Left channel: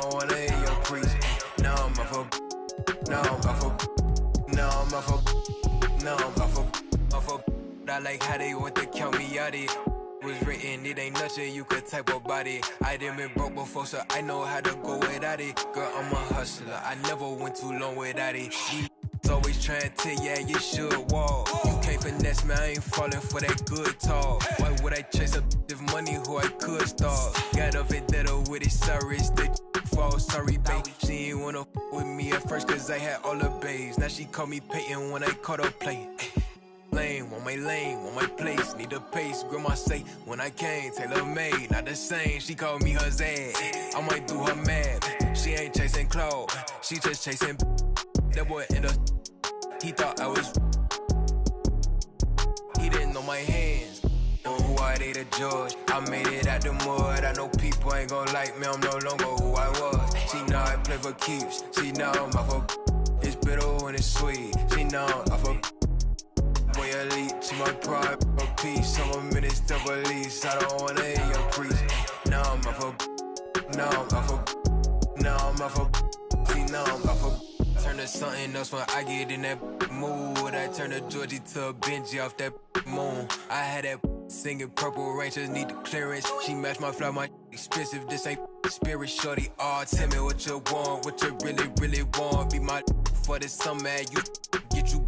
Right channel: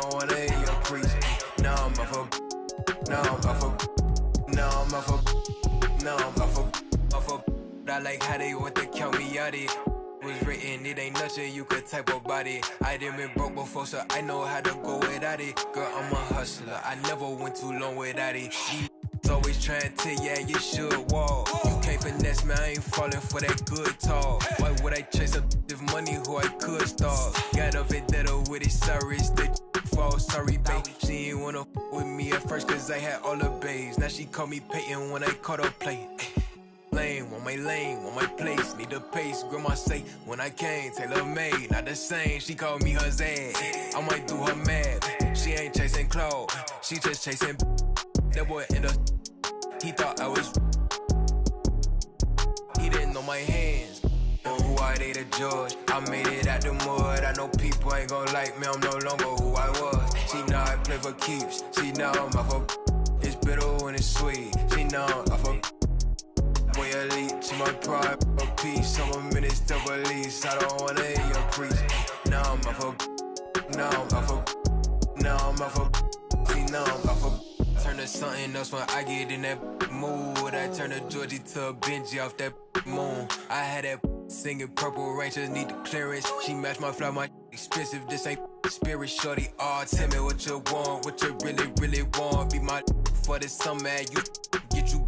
don't wanna hear your preach. No, I'm off of. No, I'm off of. No, I'm off of. No, I'm off of. I like how they want to count me out it. Was written, it ain't nothing you could type about it. I done been broke before, so I know how to go without it. Girl, I'm a hustler, I never went too long without it. These always trying to, yeah, you should walk. You can't finesse me, I ain't falling for that good talk. Why would I chase up if money who I could stalk? Got a vendetta with it, sorry, it's the fall, sorry, babe. She ain't wanna with me at first, cause I had all the babes. Now she call me Peyton when I caught her play. Lane, want my place, need a pace. Grandma say, when I came, tailor made, not the same. She called me her Zed, I might do her mad. She ain't chasing clothes, she just chasing. That boy in the, he thought I was. He didn't know my hands, who I they the judge. I made it out the mud, I know people ain't gon' like me, I'm no longer who I was. She know I play for keeps, she know I'm off of. It's bitter when it's sweet, she know I'm off of. Boy elite, to my pride, a piece. I'm a minister of police. I don't wanna hear your preach. Now I'm off of. Now I'm off of. Now I'm off of. See, now I'm off of. Turn to something else when I get in that mood. I turn a Georgie to a Benji off that moon. I had that singing Purple Rangers need the clearance. She matched my fly, my expensive. This ain't spirit, shorty. Oh, tell me what you want, what you really want. Be my for the summer, you get you.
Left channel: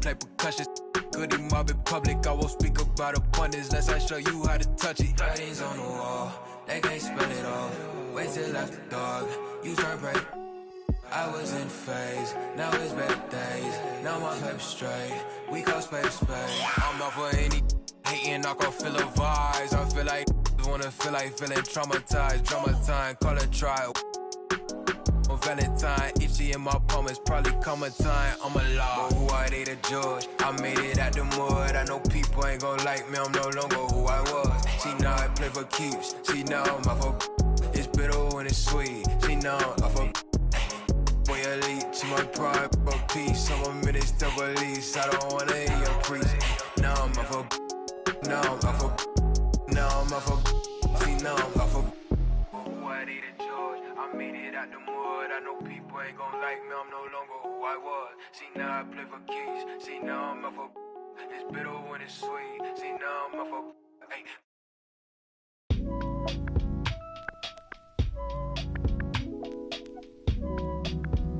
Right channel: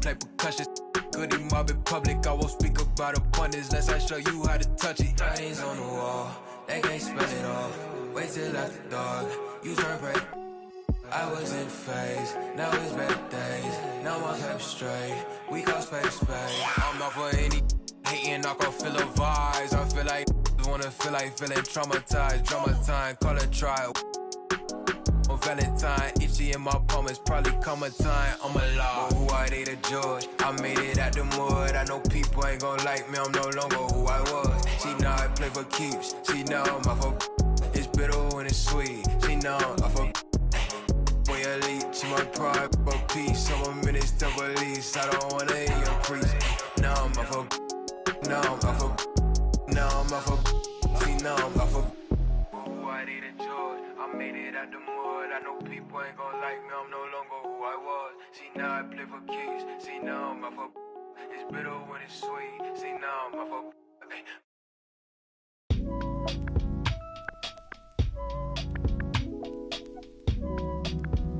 Play percussion, goody mob in public. I won't speak about abundance unless I show you how to touch it. Writings on the wall, they can't spell it off. Wait till after dark, you turn prey. I was in phase, now it's better days. Now my paper straight, we call space. I'm not for any hating, I can feel the vibes. I feel like wanna feel like feeling traumatized. Drama time, call it trial. On Valentine, itchy in my palm, it's probably come a time I'm alive. But who I they the judge? I made it out the mud. I know people ain't gon' like me, I'm no longer who I was. She know I play for keeps, she know I'm off of. It's bitter when it's sweet, she know I'm off of. Boy elite, to my pride, a piece. I'm a minister of police, I don't wanna hear your preach. Now I'm off of. Now I'm off of. Now I'm off of. See, now I'm off of. Who I they the judge? I made it out the mud. I know people ain't gon' like me, I'm no longer who I was. See, now I play for keys, see, now I'm off of. It's bitter when it's sweet, see, now I'm off of. Hey.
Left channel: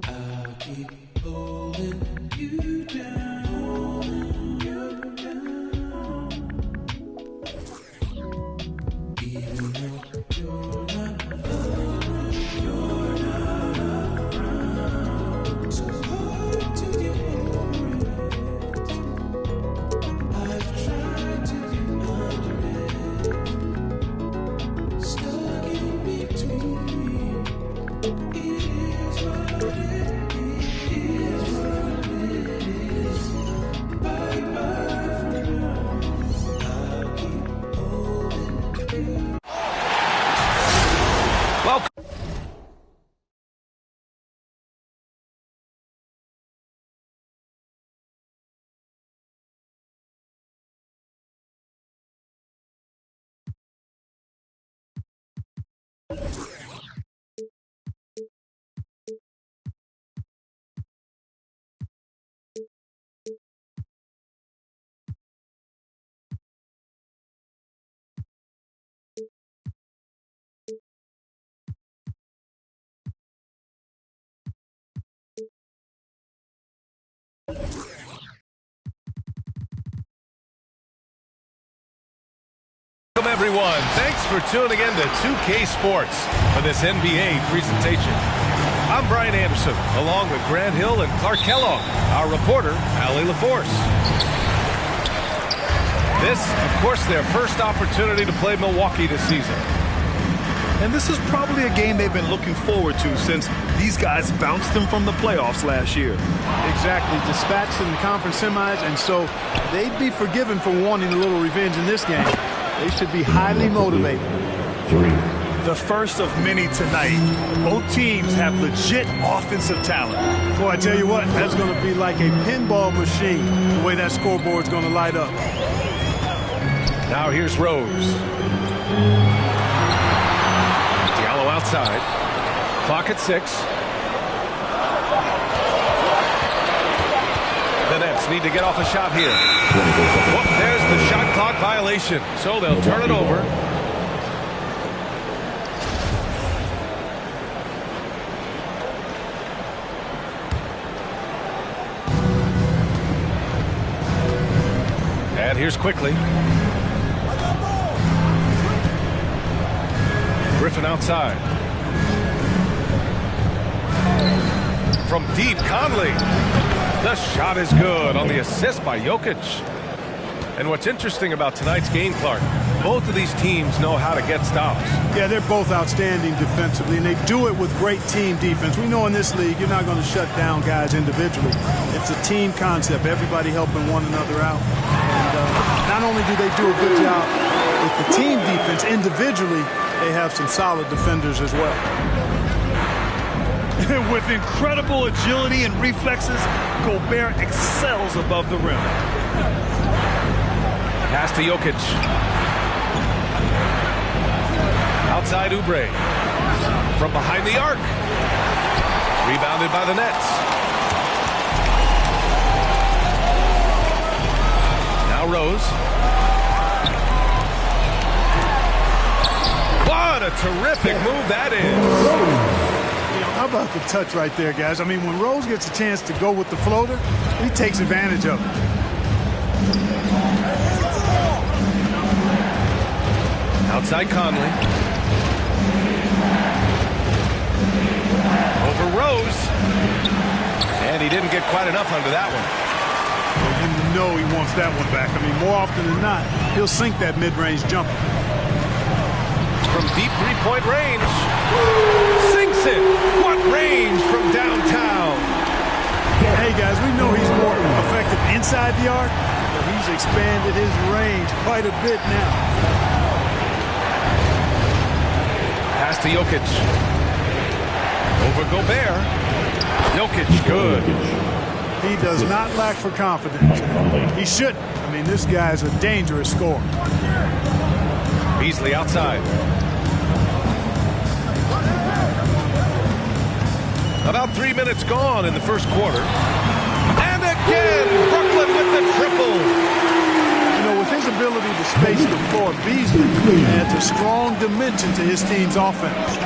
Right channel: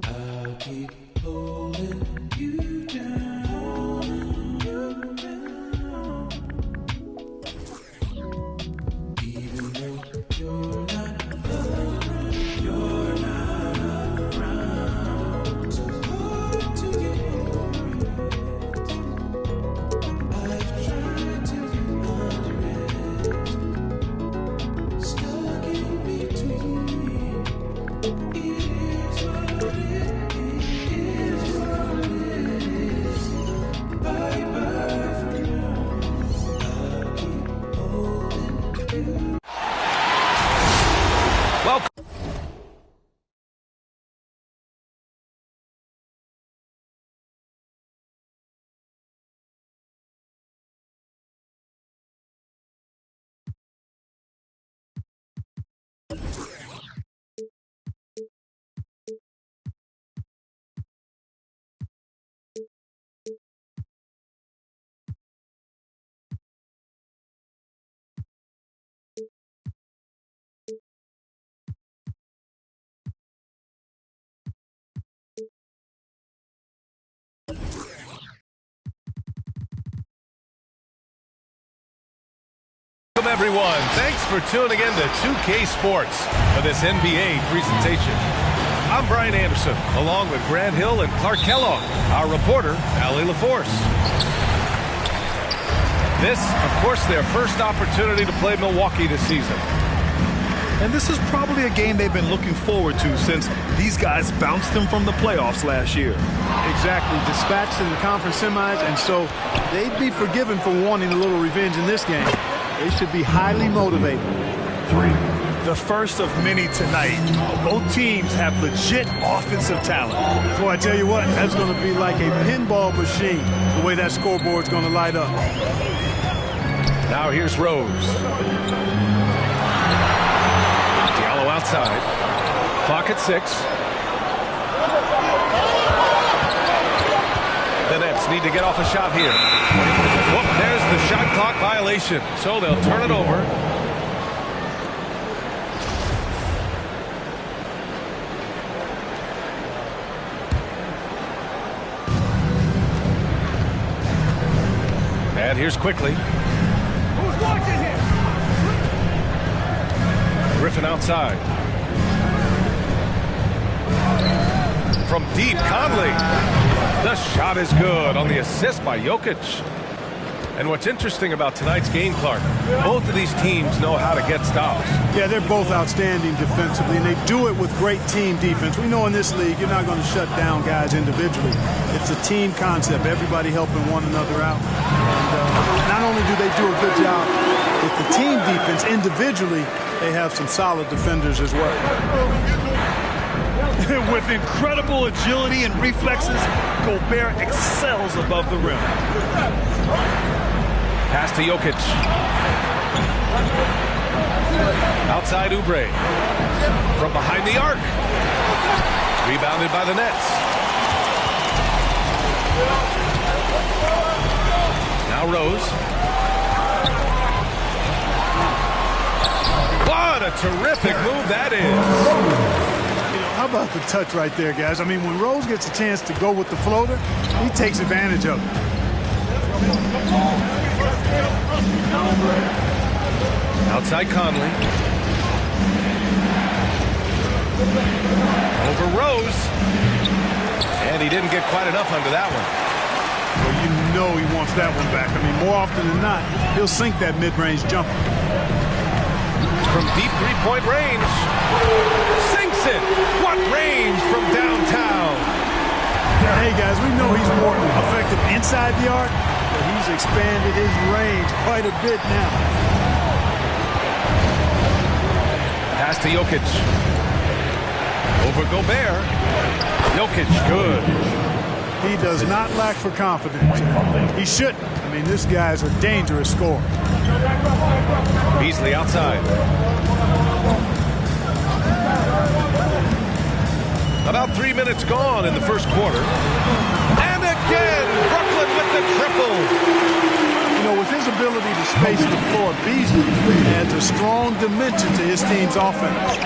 I'll keep holding you down, even though you're not around, you're not around. So hard to get over it. I've tried to get under it, stuck in between. It is what it is, what it is. Bye bye for now. I'll keep holding you. Welcome. Welcome, everyone. Thanks for tuning in to 2K Sports for this NBA presentation. I'm Brian Anderson, along with Grant Hill and Clark Kellogg, our reporter, Allie LaForce. This, of course, their first opportunity to play Milwaukee this season. And this is probably a game they've been looking forward to since these guys bounced them from the playoffs last year. Exactly, dispatched in the conference semis, and so they'd be forgiven for wanting a little revenge in this game. They should be highly motivated. The first of many tonight. Both teams have legit offensive talent. Boy, I tell you what, that's going to be like a pinball machine, the way that scoreboard's going to light up. Now here's Rose. Diallo outside. Clock at 6. The Nets need to get off a shot here. Whoop, there's the shot clock violation. So they'll turn it over. And here's quickly. Griffin outside. From deep, Conley. The shot is good on the assist by Jokic. And what's interesting about tonight's game, Clark, both of these teams know how to get stops. Yeah, they're both outstanding defensively, and they do it with great team defense. We know in this league, you're not going to shut down guys individually. It's a team concept, everybody helping one another out. And not only do they do a good job with the team defense individually, they have some solid defenders as well. With incredible agility and reflexes, Gobert excels above the rim. Pass to Jokic. Outside Oubre. From behind the arc. Rebounded by the Nets. Now Rose. What a terrific move that is. How about the touch right there, guys? I mean, when Rose gets a chance to go with the floater, he takes advantage of it. Outside Conley. Over Rose. And he didn't get quite enough under that one. Well, you know he wants that one back. I mean, more often than not, he'll sink that mid-range jumper. From deep three-point range. Sinks it. What range from downtown. Hey, guys, we know he's more effective inside the arc, but he's expanded his range quite a bit now. Pass to Jokic. Over Gobert. Jokic, good. He does not lack for confidence. He shouldn't. I mean, this guy's a dangerous scorer. Beasley outside. About 3 minutes gone in the first quarter. And again, Brooklyn with the triple. You know, with his ability to space the floor, Beasley adds a strong dimension to his team's offense.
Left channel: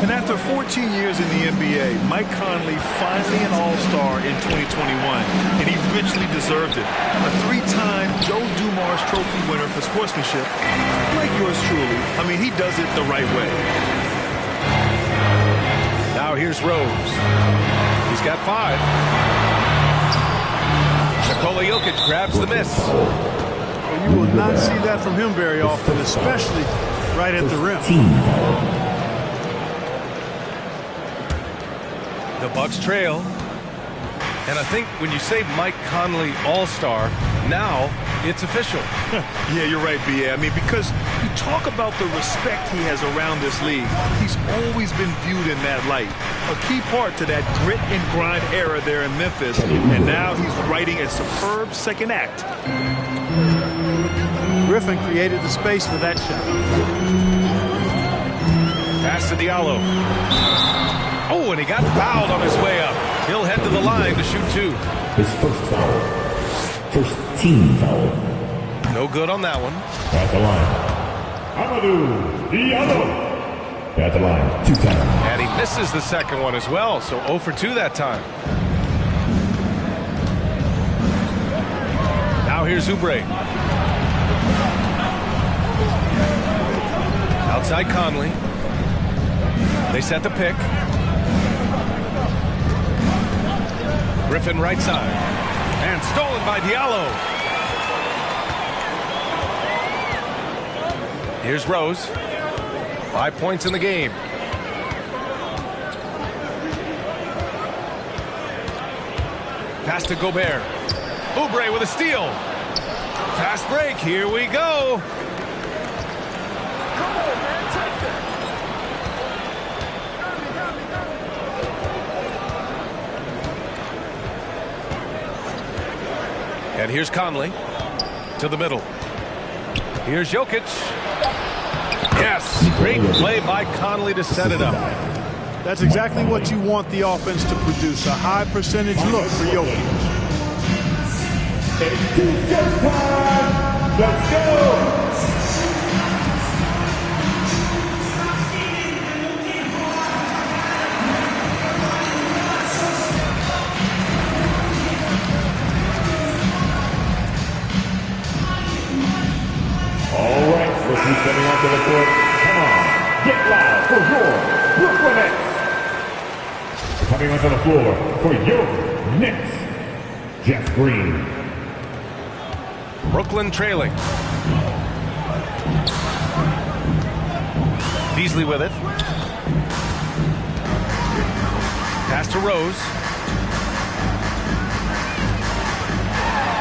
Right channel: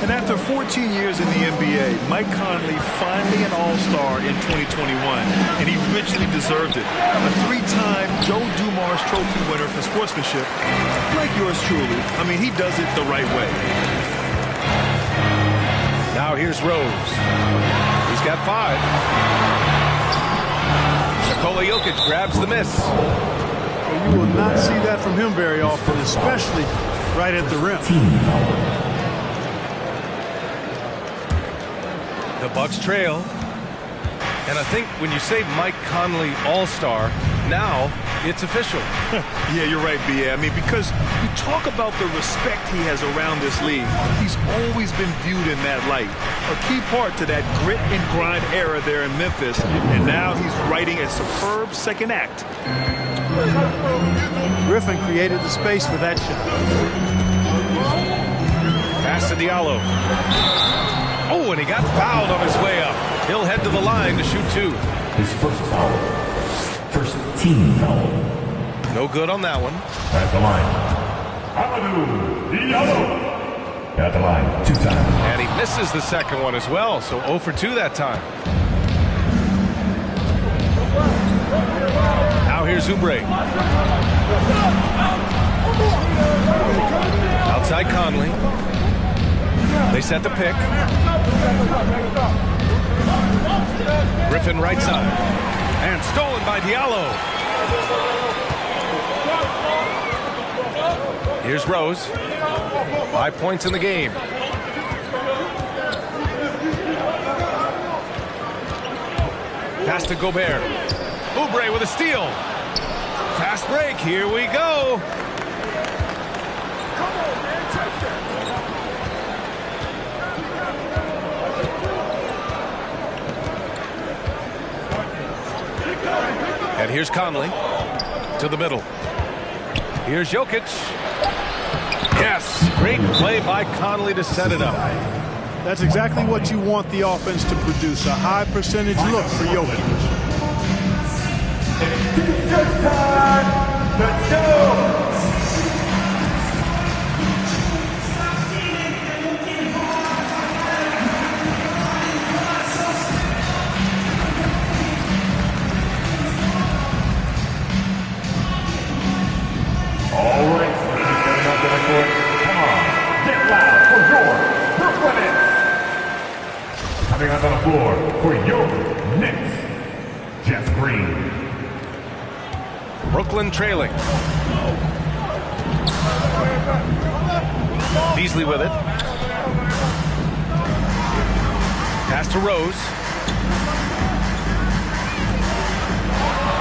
And after 14 years in the NBA, Mike Conley finally an all-star in 2021, and he richly deserved it. A 3-time Joe Dumars Trophy winner for sportsmanship, like yours truly. I mean, he does it the right way. Now here's Rose. He's got 5. Nikola Jokic grabs the miss. Well, you will not see that from him very often, especially right at the rim. The Bucks trail. And I think when you say Mike Conley All-Star, now it's official. Yeah, you're right, B.A. I mean, because you talk about the respect he has around this league. He's always been viewed in that light. A key part to that grit and grind era there in Memphis. And now he's writing a superb second act. Griffin created the space for that shot. Pass to Diallo. Oh, and he got fouled on his way up. He'll head to the line to shoot 2. His first foul. First team foul. No good on that one. At the line. Amadou Diallo. At the line 2 times. And he misses the second one as well, so 0 for 2 that time. Now here's Oubre. Outside Conley. They set the pick. Griffin right side. And stolen by Diallo. Here's Rose. 5 points in the game. Pass to Gobert. Oubre with a steal. Fast break. Here we go. Come on, man. Take that. And here's Conley to the middle. Here's Jokic. Yes, great play by Conley to set it up. That's exactly what you want the offense to produce, a high percentage look for Jokic. It's time. Let's go. All right, look who's stepping out to the court. Come on, get loud for your Brooklyn Nets. Coming onto the floor for your Nets, Jeff Green. Brooklyn trailing. Beasley with it. Pass to Rose.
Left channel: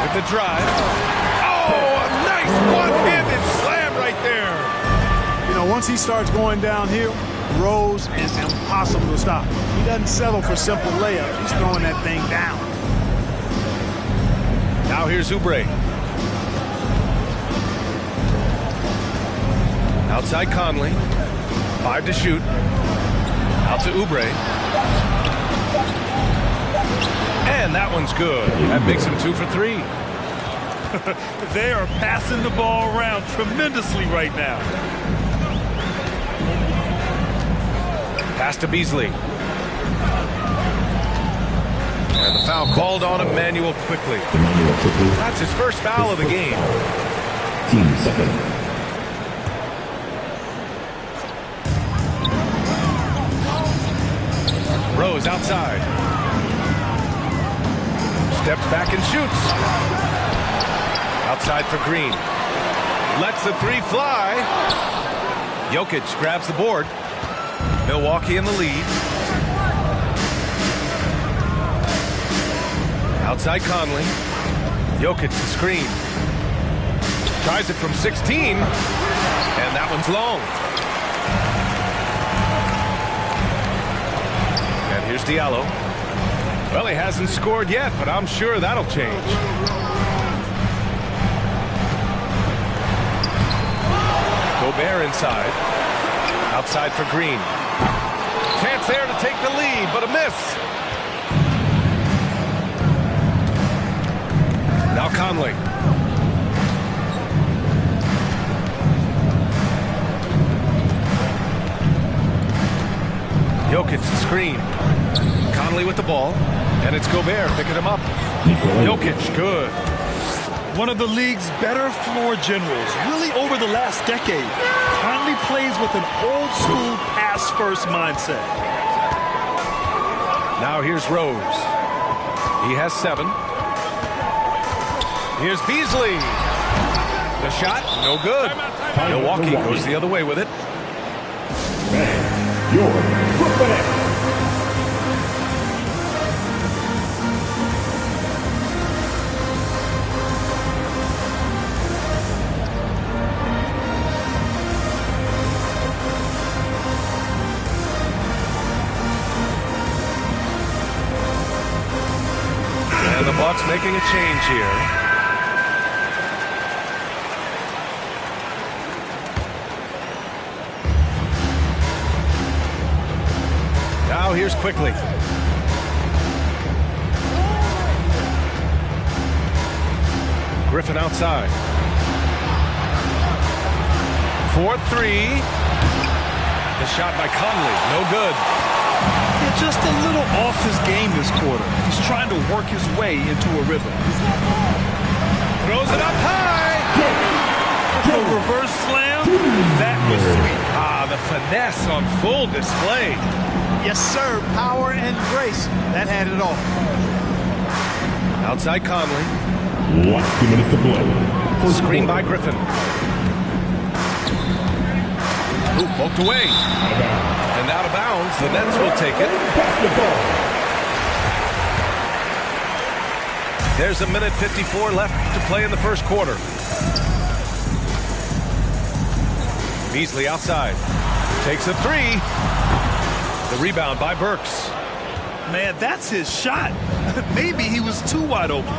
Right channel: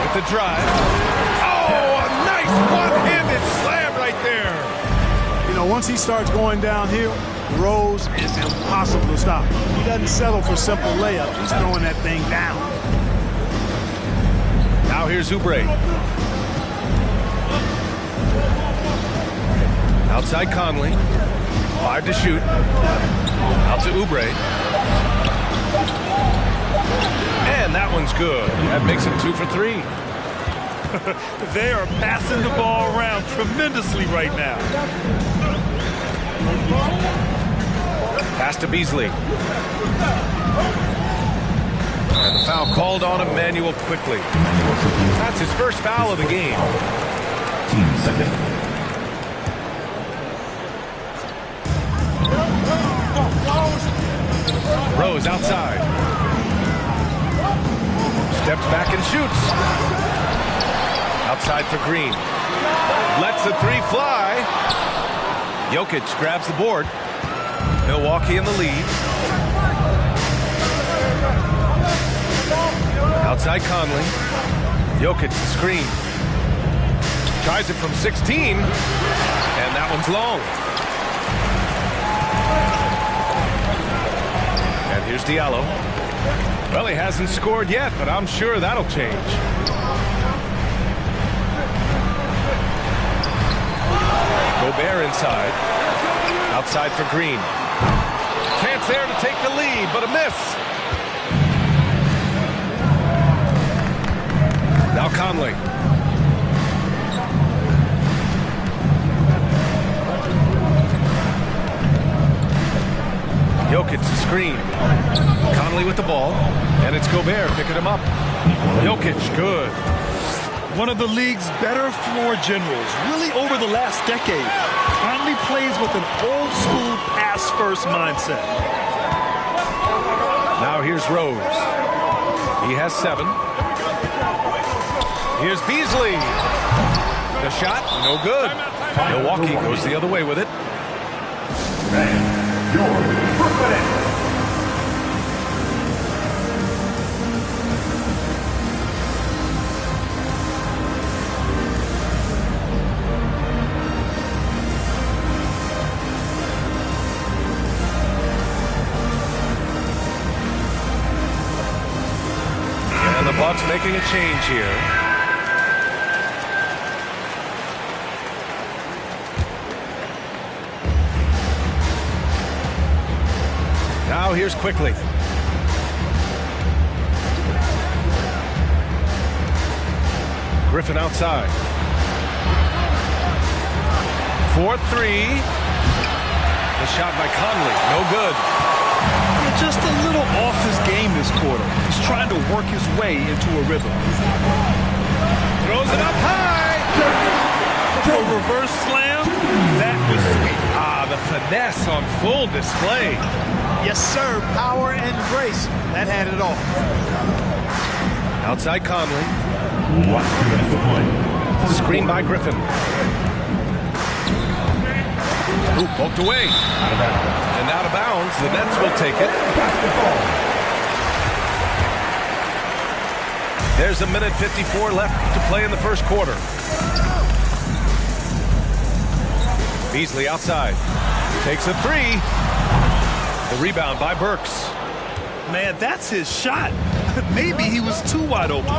With the drive. Oh, a nice one-handed slam right there. You know, once he starts going downhill, Rose is impossible to stop. He doesn't settle for simple layups. He's throwing that thing down. Now here's Oubre. Outside Conley. 5 to shoot. Out to Oubre. And that one's good. That makes him 2 for 3. They are passing the ball around tremendously right now. Pass to Beasley. And the foul called on Emmanuel quickly. That's his first foul of the game. Team second. Rose outside. Steps back and shoots. Outside for Green. Lets the three fly. Jokic grabs the board. Milwaukee in the lead. Outside Conley. Jokic the screen. Tries it from 16. And that one's long. And here's Diallo. Well, he hasn't scored yet, but I'm sure that'll change. Gobert inside. Outside for Green. Chance there to take the lead, but a miss. Now Conley. Jokic the screen. Conley with the ball, and it's Gobert picking him up. Jokic, good. One of the league's better floor generals, really over the last decade. Conley plays with an old-school pass-first mindset. Now here's Rose. He has 7. Here's Beasley. The shot, no good. Milwaukee goes the other way with it. And your Brooklyn Nets. And the Bucks making a change here. Now here's quickly. Griffin outside. 4-3. The shot by Conley, no good. Yeah, just a little off his game this quarter. He's trying to work his way into a rhythm. Throws it up high. A reverse slam, that was sweet. Ah, the finesse on full display. Yes, sir. Power and grace. That had it all. Outside Conley. 2 minutes to play. Screen by Griffin. Ooh, poked away. And out of bounds. The Nets will take it. There's 1:54 left to play in the first quarter. Beasley outside. Takes a 3. The rebound by Burks. Man, that's his shot. Maybe he was too wide open.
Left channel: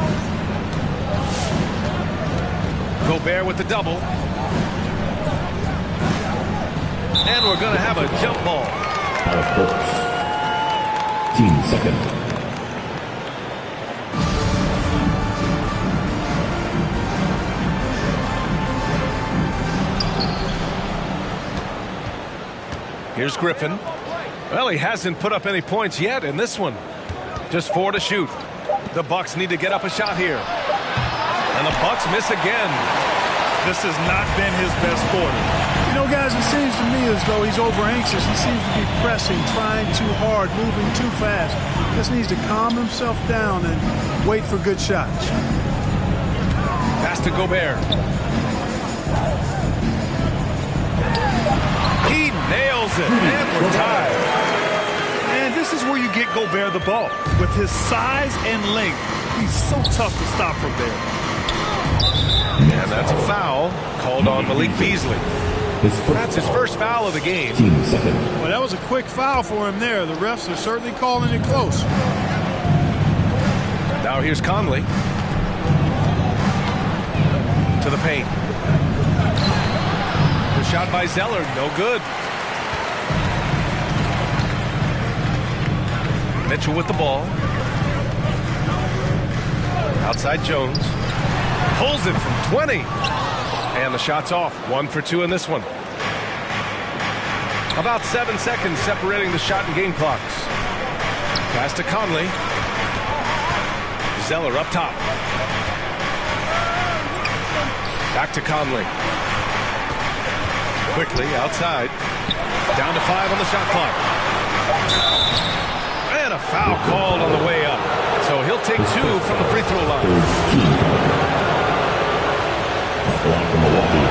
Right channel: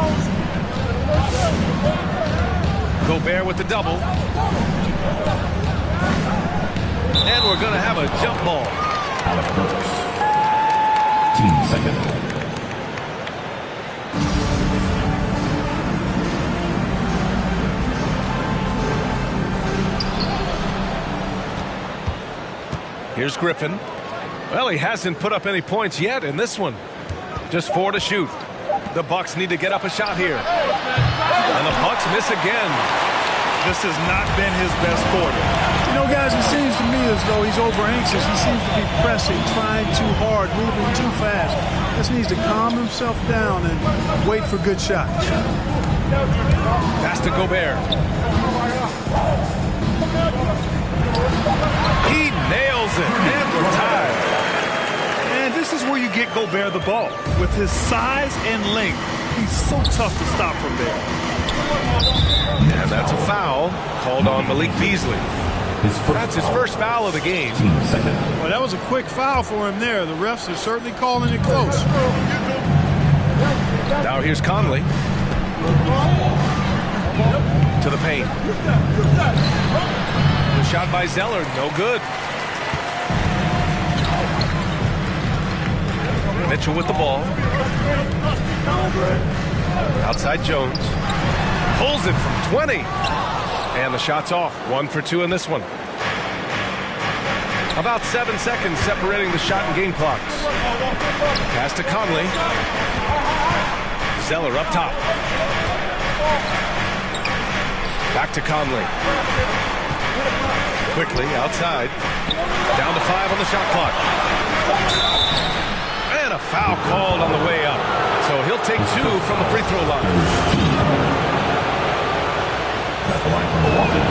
Gobert with the double. And we're going to have a jump ball. Alec Burks. Team second. Here's Griffin. Well, he hasn't put up any points yet in this one. Just 4 to shoot. The Bucks need to get up a shot here. And the Bucks miss again. This has not been his best quarter. You know, guys, it seems to me as though he's over anxious. He seems to be pressing, trying too hard, moving too fast. Just needs to calm himself down and wait for good shots. Pass to Gobert. He nails it, and we're tied. And this is where you get Gobert the ball. With his size and length, he's so tough to stop from there. And that's a foul called on Malik Beasley. That's his first foul of the game. Team second. Well, that was a quick foul for him there. The refs are certainly calling it close. Now here's Conley. To the paint. The shot by Zeller, no good. Mitchell with the ball. Outside Jones. Pulls it from 20. And the shot's off. 1 for 2 in this one. About 7 seconds separating the shot and game clocks. Pass to Conley. Zeller up top. Back to Conley. Quickly outside. Down to 5 on the shot clock. And a foul called on the way up. So he'll take 2 from the free throw line. That's the line from Milwaukee.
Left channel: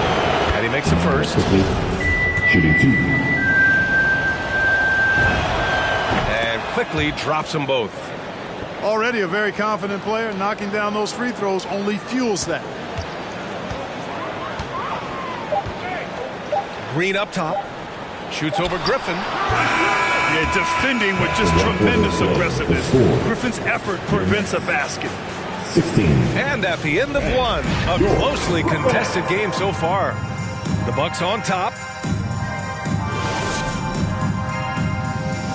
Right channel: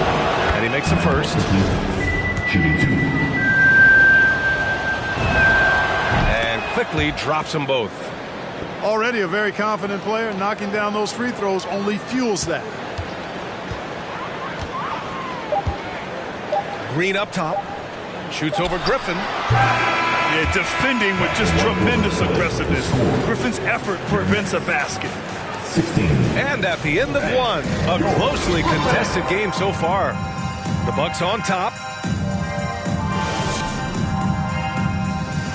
And he makes the first. Shooting 2. And quickly drops them both. Already a very confident player. Knocking down those free throws only fuels that. Green up top. Shoots over Griffin. Yeah, defending with just tremendous aggressiveness. Griffin's effort prevents a basket. 16. And at the end of one, a closely contested game so far. The Bucks on top.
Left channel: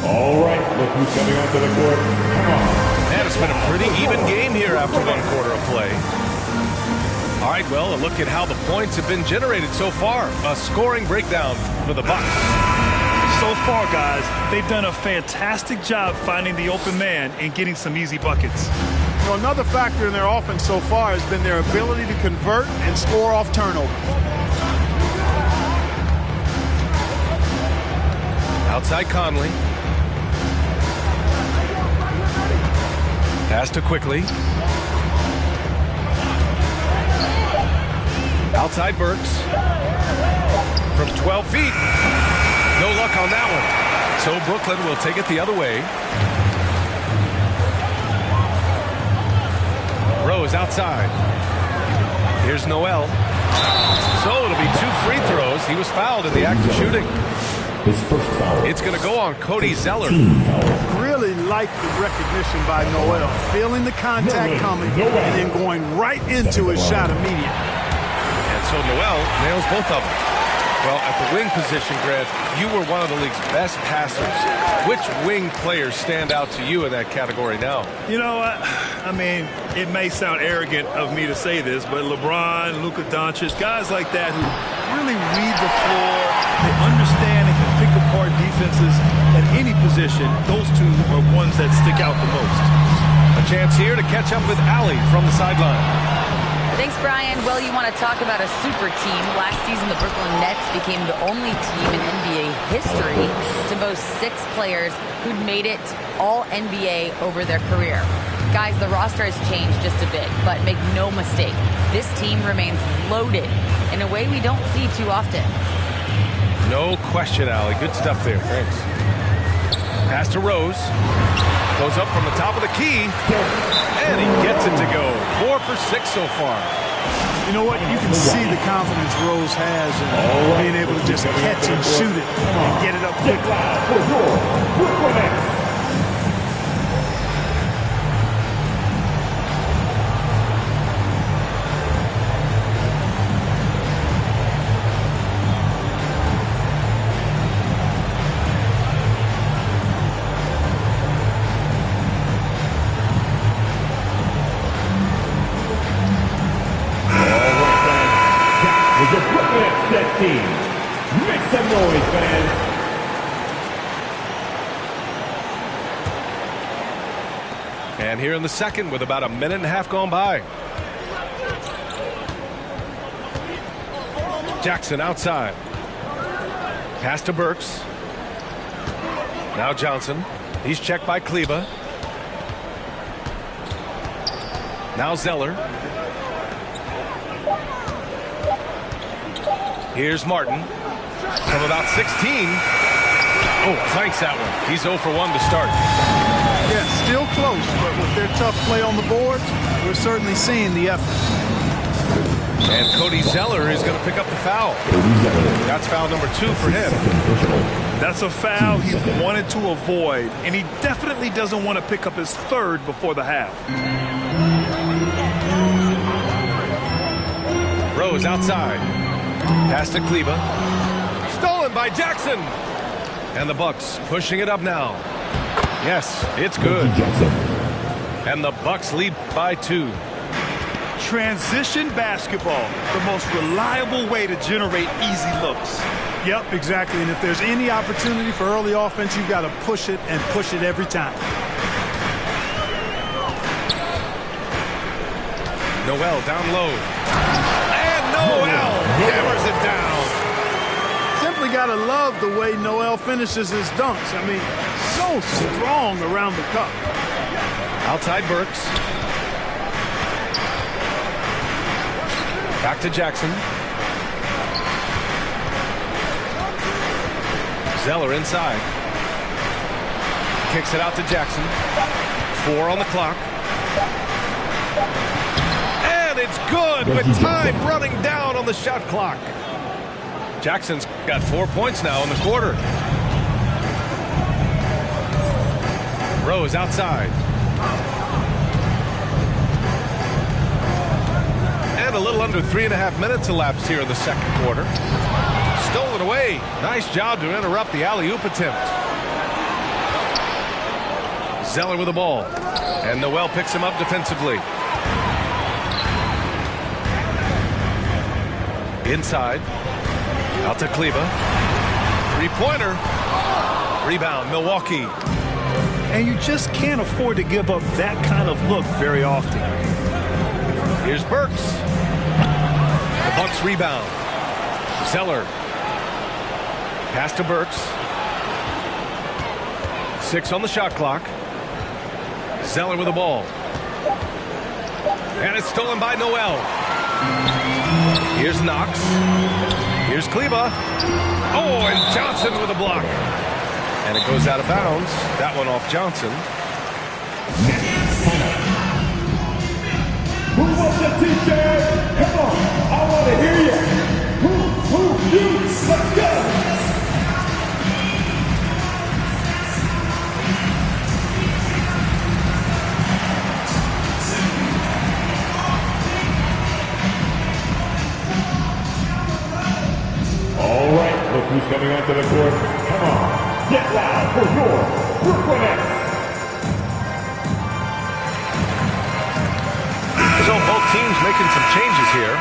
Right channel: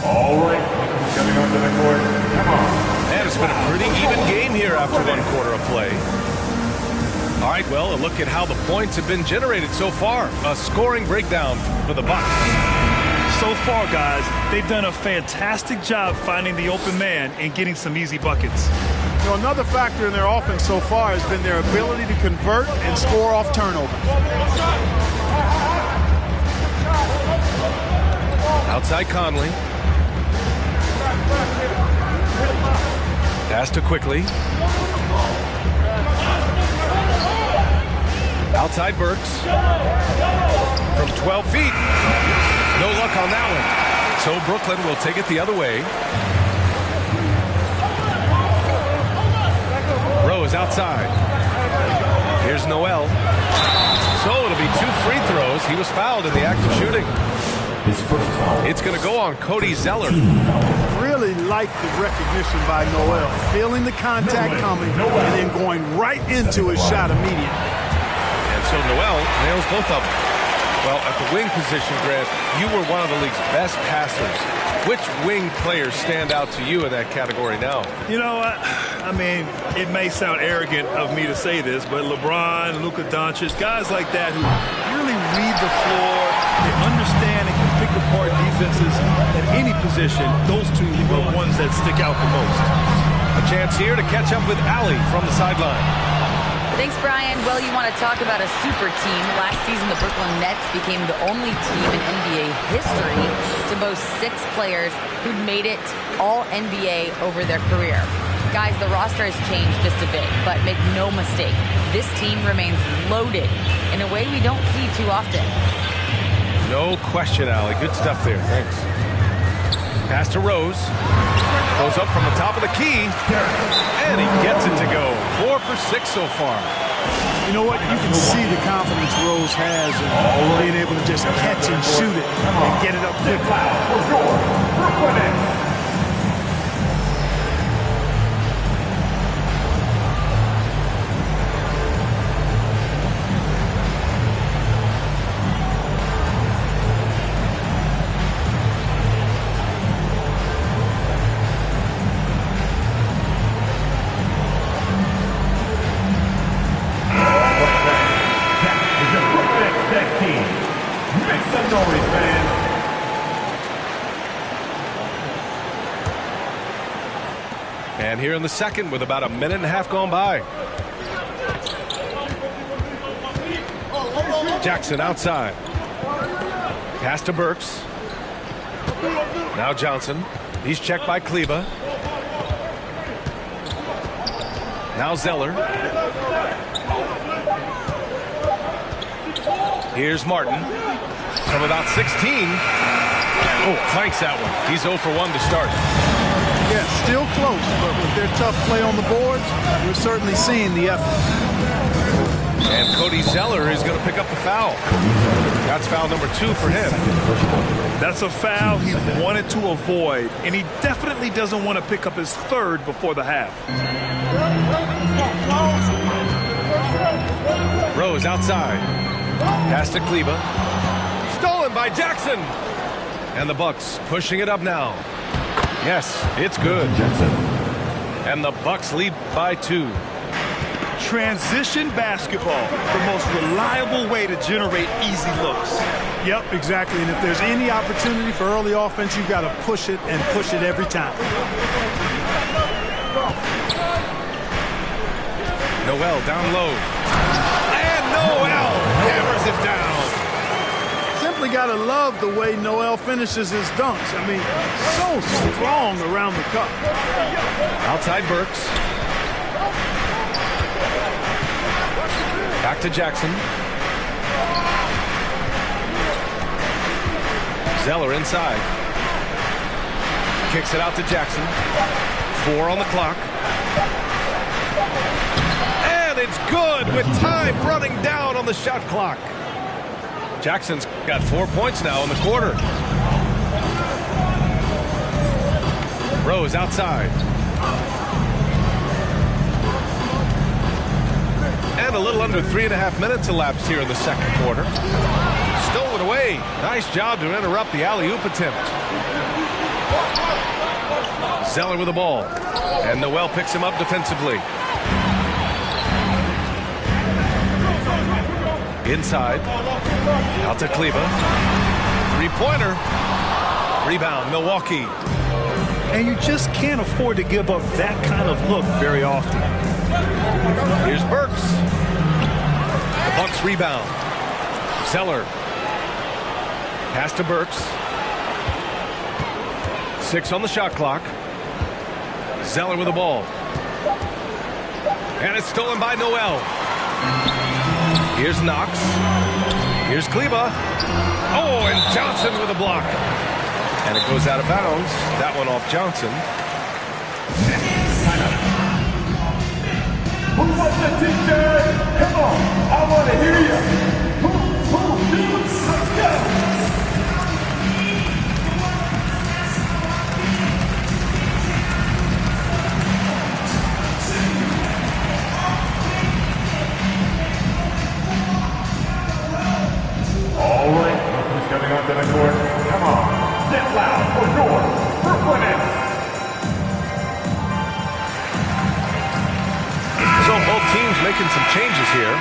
All right, look who's coming onto the court. Come on. And it's been a pretty even game here after 1 quarter of play. All right, well, a look at how the points have been generated so far. A scoring breakdown for the Bucks. So far, guys, they've done a fantastic job finding the open man and getting some easy buckets. You know, another factor in their offense so far has been their ability to convert and score off turnovers. Outside Conley. Pass to Quickly. Outside Burks. From 12 feet. No luck on that one. So Brooklyn will take it the other way. Rose outside. Here's Noel. So it'll be 2 free throws. He was fouled in the act of shooting. His first foul. It's going to go on Cody Zeller. Really like the recognition by Noel. Feeling the contact coming and then going right into his shot immediately. And so Noel nails both of them. Well, at the wing position, Grant, you were one of the league's best passers. Which wing players stand out to you in that category now? You know, I mean, it may sound arrogant of me to say this, but LeBron, Luka Doncic, guys like that who really read the floor, they understand and can pick apart defenses at any position. Those two are ones that stick out the most. A chance here to catch up with Allie from the sideline. Thanks, Brian. Well, you want to talk about a super team. Last season, the Brooklyn Nets became the only team in NBA history to boast 6 players who'd made it all NBA over their career. Guys, the roster has changed just a bit, but make no mistake, this team remains loaded in a way we don't see too often. No question, Allie. Good stuff there. Thanks. Pass to Rose. Goes up from the top of the key. And he gets it to go. 4 for 6 so far. You know what? You can see the confidence Rose has in being able to just catch and shoot it and get it up quickly. For your Brooklyn Nets. And here in the second with about a minute and a half gone by. Jackson outside. Pass to Burks. Now Johnson. He's checked by Kleba. Now Zeller. Here's Martin. From about 16. Oh, flanks that one. He's 0 for 1 to start. Yeah, still close, but with their tough play on the boards, we're certainly seeing the effort. And Cody Zeller is going to pick up the foul. That's foul number 2 for him. That's a foul he wanted to avoid, and he definitely doesn't want to pick up his third before the half. Rose outside. Pass to Kleba. Stolen by Jackson. And the Bucks pushing it up now. Yes, it's good. And the Bucks lead by 2. Transition basketball, the most reliable way to generate easy looks. Yep, exactly. And if there's any opportunity for early offense, you've got to push it and push it every time. Noel down low. And Noel hammers it down. Simply got to love the way Noel finishes his dunks. I mean, so strong around the cup. Outside Burks. Back to Jackson. Zeller inside. Kicks it out to Jackson. 4 on the clock. And it's good with time running down on the shot clock. Jackson's got 4 points now in the quarter. Rose outside. And a little under 3.5 minutes elapsed here in the second quarter. Stolen away. Nice job to interrupt the alley-oop attempt. Zeller with the ball. And Noel picks him up defensively. Inside. Out to Kleba. 3-pointer. Rebound, Milwaukee. And you just can't afford to give up that kind of look very often. Here's Burks. The Bucks rebound. Zeller. Pass to Burks. 6 on the shot clock. Zeller with the ball. And it's stolen by Noel. Here's Knox. Here's Kleba. Oh, and Johnson with a block. And it goes out of bounds. That one off Johnson. Who wants a t-shirt? Come on, I want to hear you. Who, you, let's go. All right, look who's coming onto the court. Come on, get loud for your Brooklyn Nets. So both teams making some changes here.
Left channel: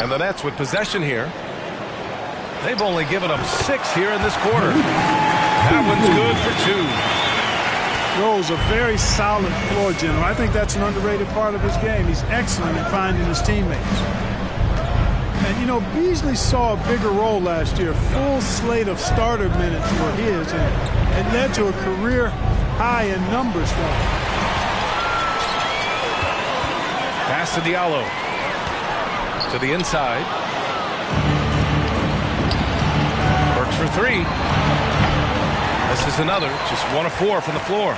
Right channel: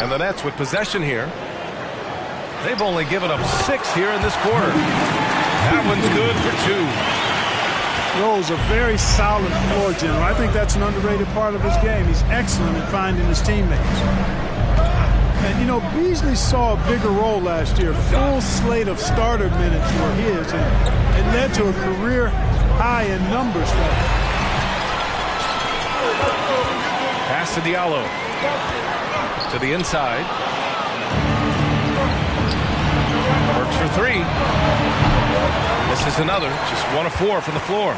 And the Nets with possession here. They've only given up 6 here in this quarter. That one's good for 2. Rose, a very solid floor general. I think that's an underrated part of his game. He's excellent at finding his teammates. And, you know, Beasley saw a bigger role last year. Full slate of starter minutes were his, and it led to a career high in numbers for him. Pass to Diallo. To the inside. Works for 3. This is another. Just 1 of 4 from the floor.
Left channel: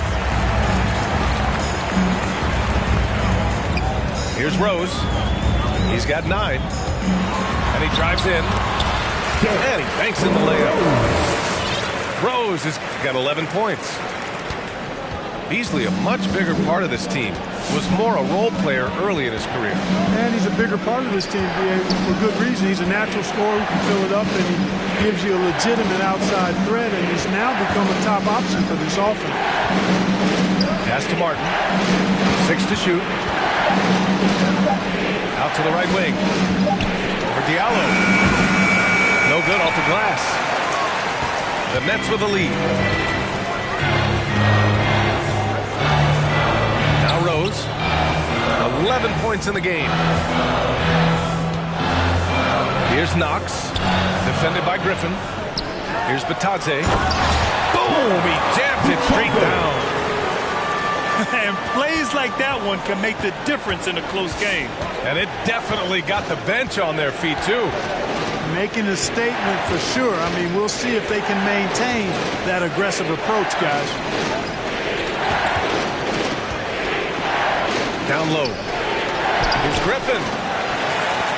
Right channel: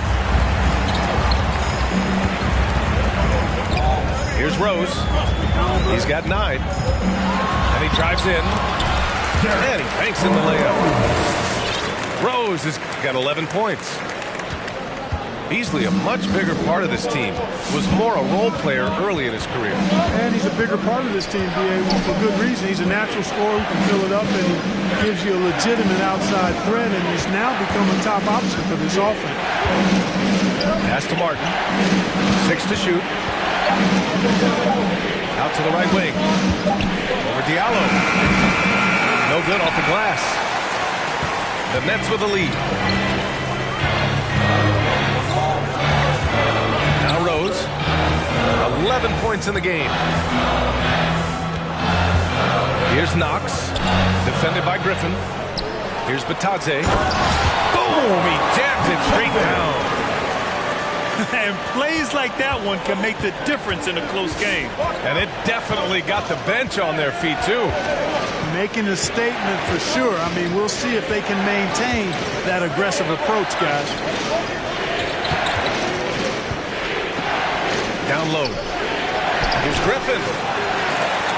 Here's Rose. He's got 9. And he drives in. And he banks in the layup. Rose has got 11 points. Beasley, a much bigger part of this team, was more a role player early in his career. And he's a bigger part of this team, B.A., for good reason. He's a natural scorer who can fill it up, and he gives you a legitimate outside threat, and he's now become a top option for this offense. Pass to Martin. 6 to shoot. Out to the right wing. Over Diallo. No good off the glass. The Nets with the lead. Now Rose. 11 points in the game. Here's Knox. Defended by Griffin. Here's Batadze. Boom! He jams it straight down. And plays like that one can make the difference in a close game. And it definitely got the bench on their feet, too. Making a statement for sure. I mean, we'll see if they can maintain that aggressive approach, guys. Down low. Here's Griffin.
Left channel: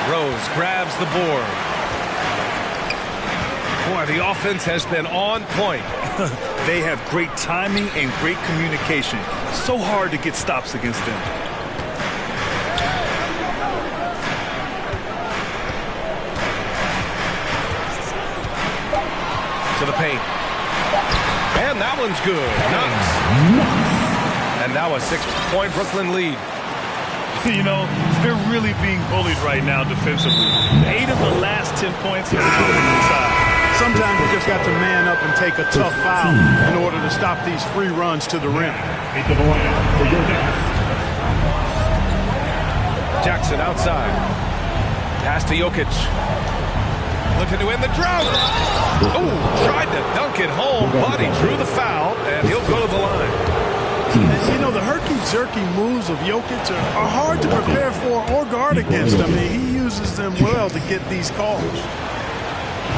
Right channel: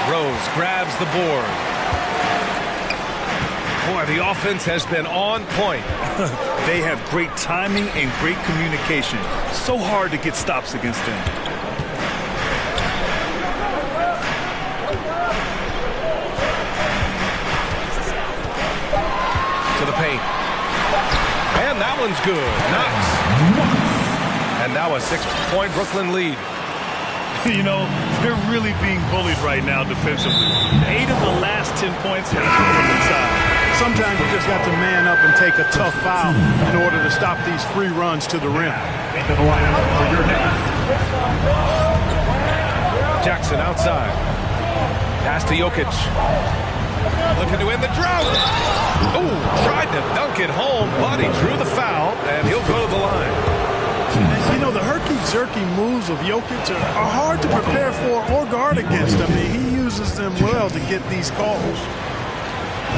Rose grabs the board. Boy, the offense has been on point. They have great timing and great communication. So hard to get stops against them. To the paint. And that one's good. Knox. And now a 6-point Brooklyn lead. You know, they're really being bullied right now defensively. 8 of the last 10 points have come from inside. Sometimes you just got to man up and take a tough foul in order to stop these free runs to the rim. Into the lineup for your next. Jackson outside. Pass to Jokic. Looking to end the drought. Oh, tried to dunk it home, but he drew the foul, and he'll go to the line. And, you know, the herky-jerky moves of Jokic are hard to prepare for or guard against. I mean, he uses them well to get these calls.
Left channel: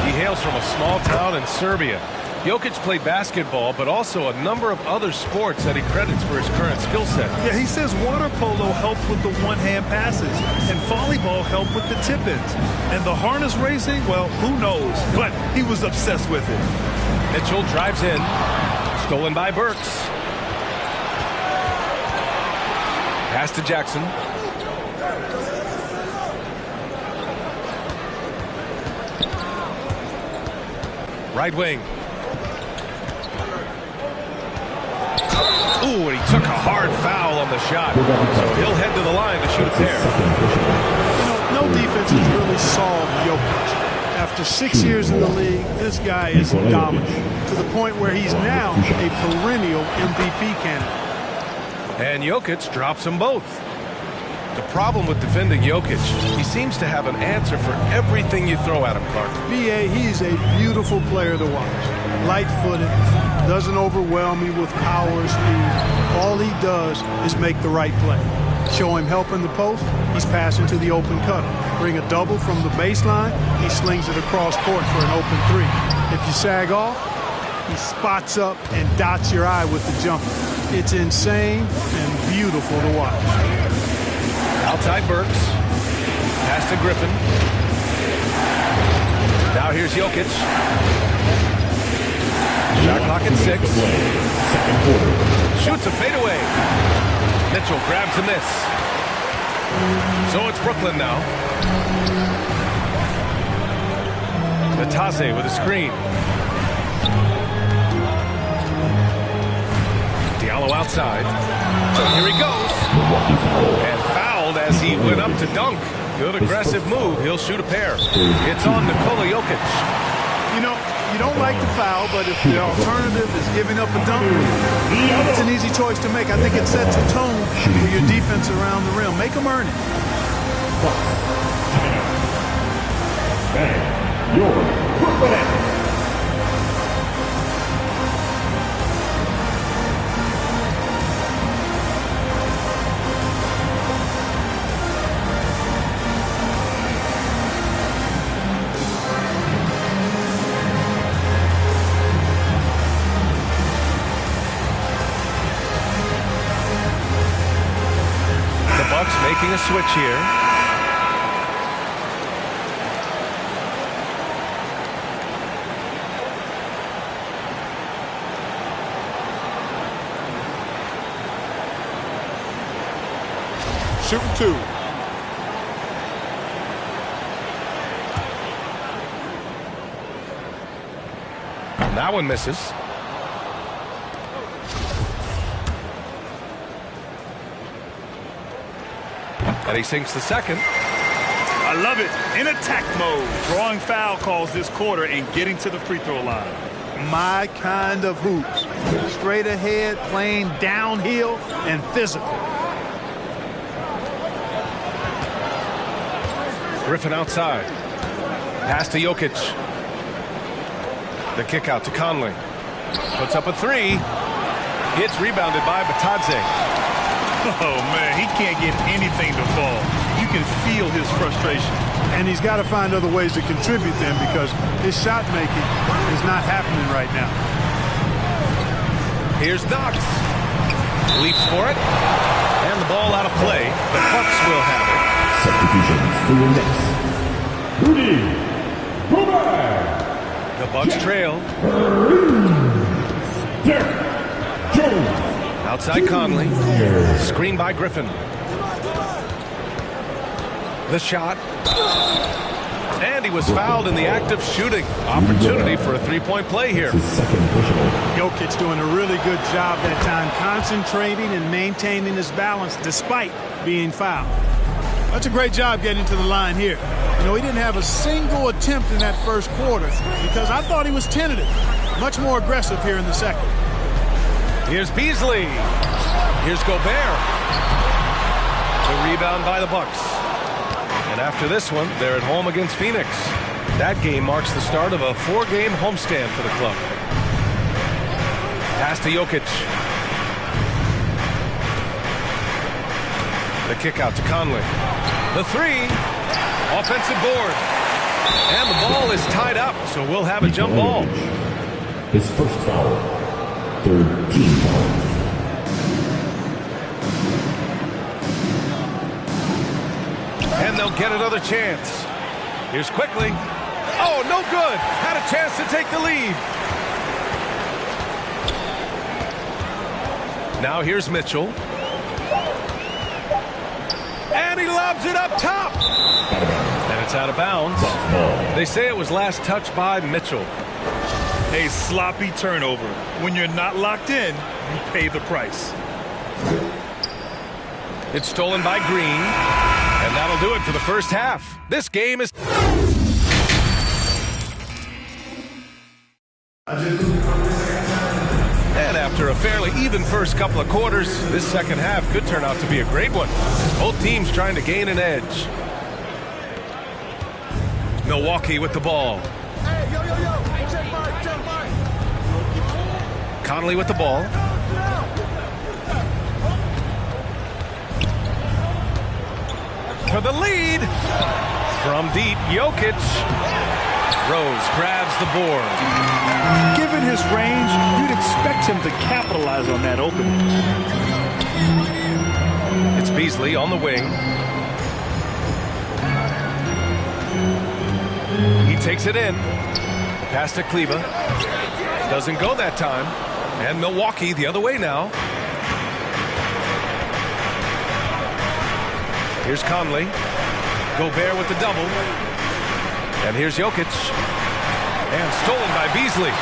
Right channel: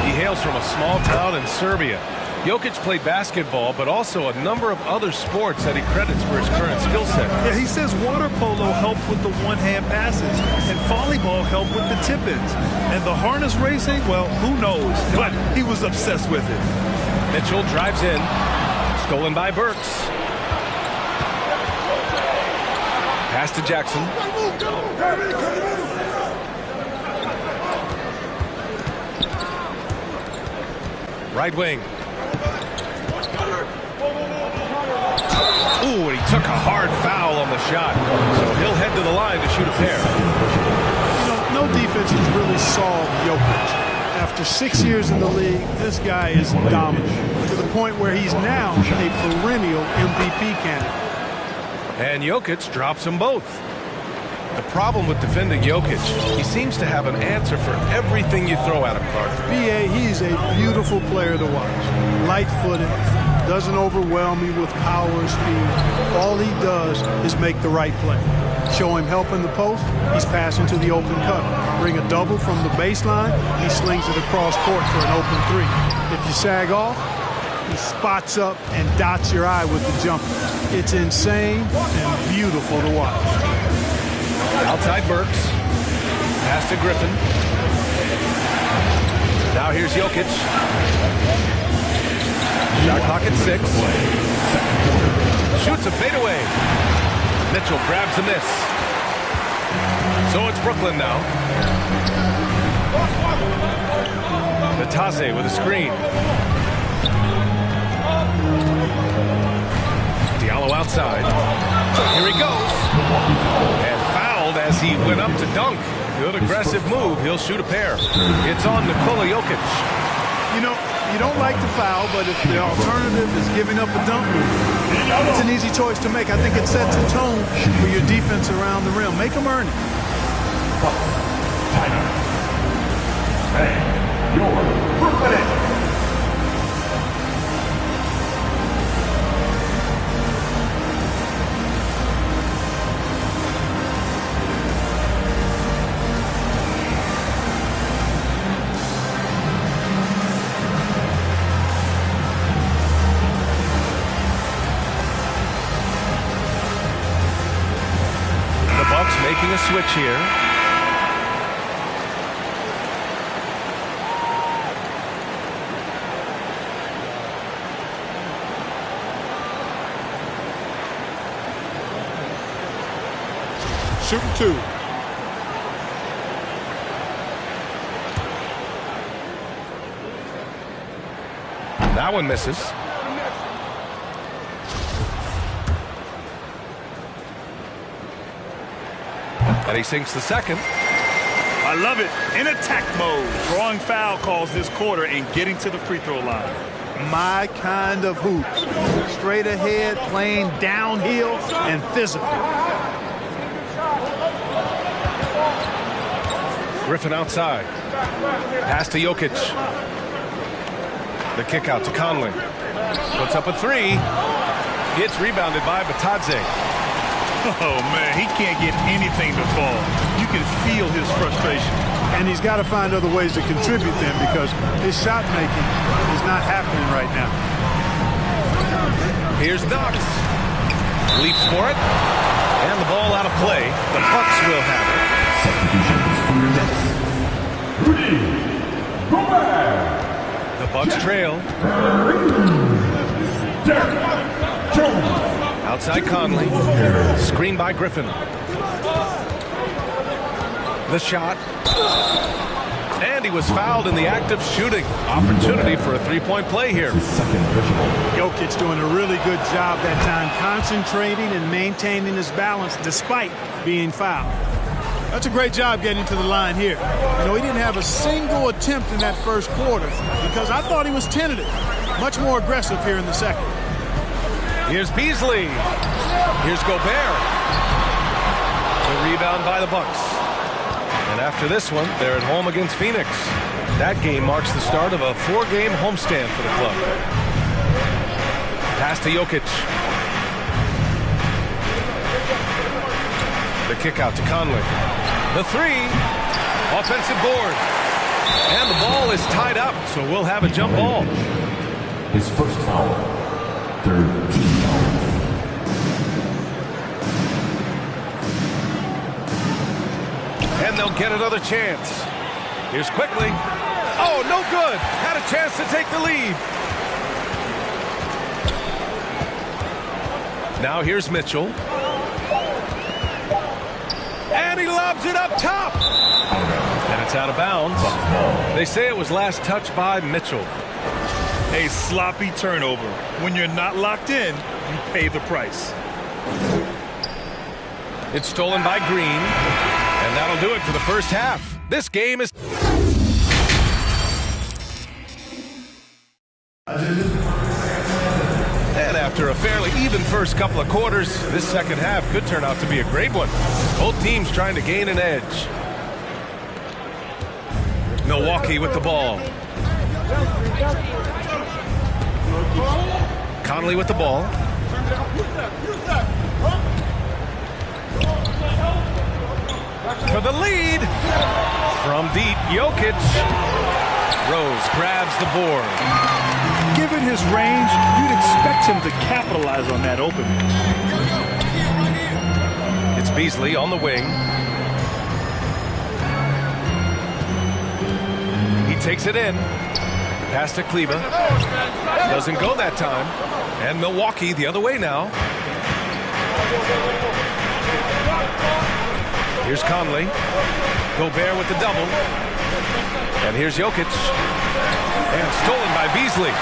He hails from a small town in Serbia. Jokic played basketball, but also a number of other sports that he credits for his current skill set. Yeah, he says water polo helped with the one-hand passes, and volleyball helped with the tip-ins. And the harness racing, well, who knows? But he was obsessed with it. Mitchell drives in. Stolen by Burks. Pass to Jackson. Right wing. Ooh, and he took a hard foul on the shot. So he'll head to the line to shoot a pair. You know, no defense has really solved Jokic. After 6 years in the league, this guy is dominant to the point where he's now a perennial MVP candidate. And Jokic drops them both. The problem with defending Jokic, he seems to have an answer for everything you throw at him, Clark. B.A., he's a beautiful player to watch. Light-footed, doesn't overwhelm you with power or speed. All he does is make the right play. Show him help in the post, he's passing to the open cutter. Bring a double from the baseline, he slings it across court for an open three. If you sag off, he spots up and dots your eye with the jumper. It's insane and beautiful to watch. Outside Burks. Pass to Griffin. Now here's Jokic. Shot clock at 6. Second quarter. Shoots a fadeaway. Mitchell grabs a miss. So it's Brooklyn now. Batadze with a screen. Diallo outside. Here he goes. And fouled as he went up to dunk. Good aggressive move. He'll shoot a pair. It's on Nikola Jokic. You know, you don't like the foul, but if the alternative is giving up a dunk, it's an easy choice to make. I think it sets a tone for your defense around the rim. Make them earn it. Timeout. Bang. Your Brooklyn Nets. Bucks making a switch here. Shooting two. That one misses. And he sinks the second. I love it. In attack mode. Drawing foul calls this quarter and getting to the free throw line. My kind of hoops. Straight ahead, playing downhill, and physical. Griffin outside. Pass to Jokic. The kick out to Conley. Puts up a three. Gets rebounded by Batadze. Oh, man, he can't get anything to fall. You can feel his frustration. And he's got to find other ways to contribute then, because his shot making is not happening right now. Here's Knox. Leaps for it. And the ball out of play. The Bucks will have it. Substitutions for your Knicks. Rudy Gobert. The Bucks trail. Derek Jones. Outside Conley. Screen by Griffin. The shot. And he was fouled in the act of shooting. Opportunity for a three-point play here. His second personal. Jokic doing a really good job that time, concentrating and maintaining his balance despite being fouled. That's a great job getting to the line here. You know, he didn't have a single attempt in that first quarter because I thought he was tentative. Much more aggressive here in the second. Here's Beasley. Here's Gobert. The rebound by the Bucks. And after this one, they're at home against Phoenix. That game marks the start of a 4-game homestand for the club. Pass to Jokic. The kick out to Conley. The three. Offensive board. And the ball is tied up, so we'll have a jump ball. His first foul. Third team foul. And they'll get another chance. Here's Quickly. Oh, no good. Had a chance to take the lead. Now here's Mitchell. And he lobs it up top. And it's out of bounds. They say it was last touched by Mitchell. A sloppy turnover. When you're not locked in, you pay the price. It's stolen by Green. And that'll do it for the first half. This game is... And after a fairly even first couple of quarters, this second half could turn out to be a great one. Both teams trying to gain an edge. Milwaukee with the ball. Conley with the ball. For the lead. From deep, Jokic. Rose grabs the board. Given his range, you'd expect him to capitalize on that opening. It's Beasley on the wing. He takes it in. Pass to Kleba. Doesn't go that time. And Milwaukee the other way now. Here's Conley. Gobert with the double. And here's Jokic. And stolen by Beasley.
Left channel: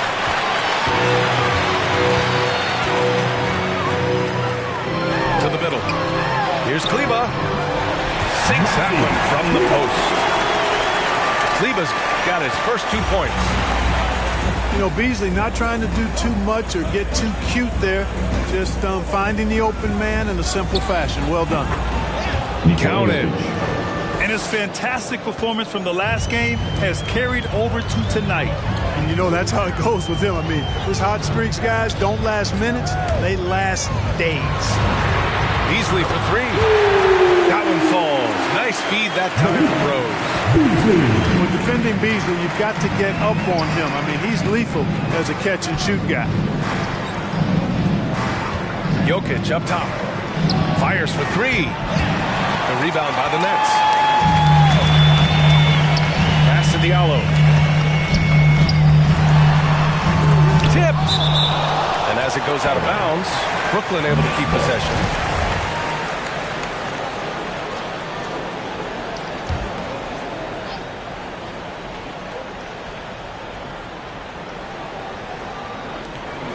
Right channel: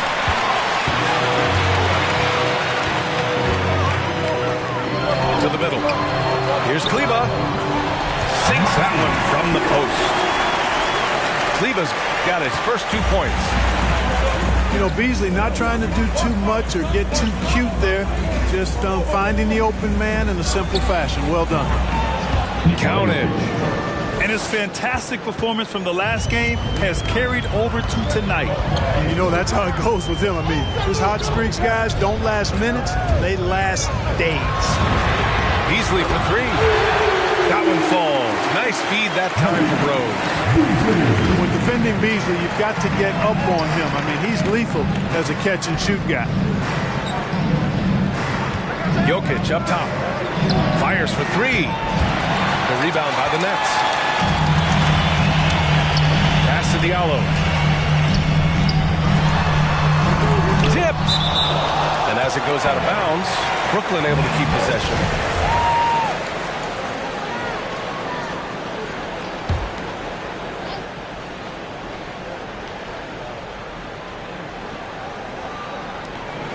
To the middle. Here's Kleba. Sinks that one from the post. Kleba's got his first 2 points. You know, Beasley not trying to do too much or get too cute there. Just finding the open man in a simple fashion. Well done. Counted. And his fantastic performance from the last game has carried over to tonight. And you know, that's how it goes with him. I mean, his hot streaks, guys, don't last minutes. They last days. Beasley for three. That one falls. Nice feed that time from Rose. When defending Beasley, you've got to get up on him. I mean, he's lethal as a catch-and-shoot guy. Jokic up top. Fires for three. The rebound by the Nets. Pass to Diallo. Tipped. And as it goes out of bounds, Brooklyn able to keep possession.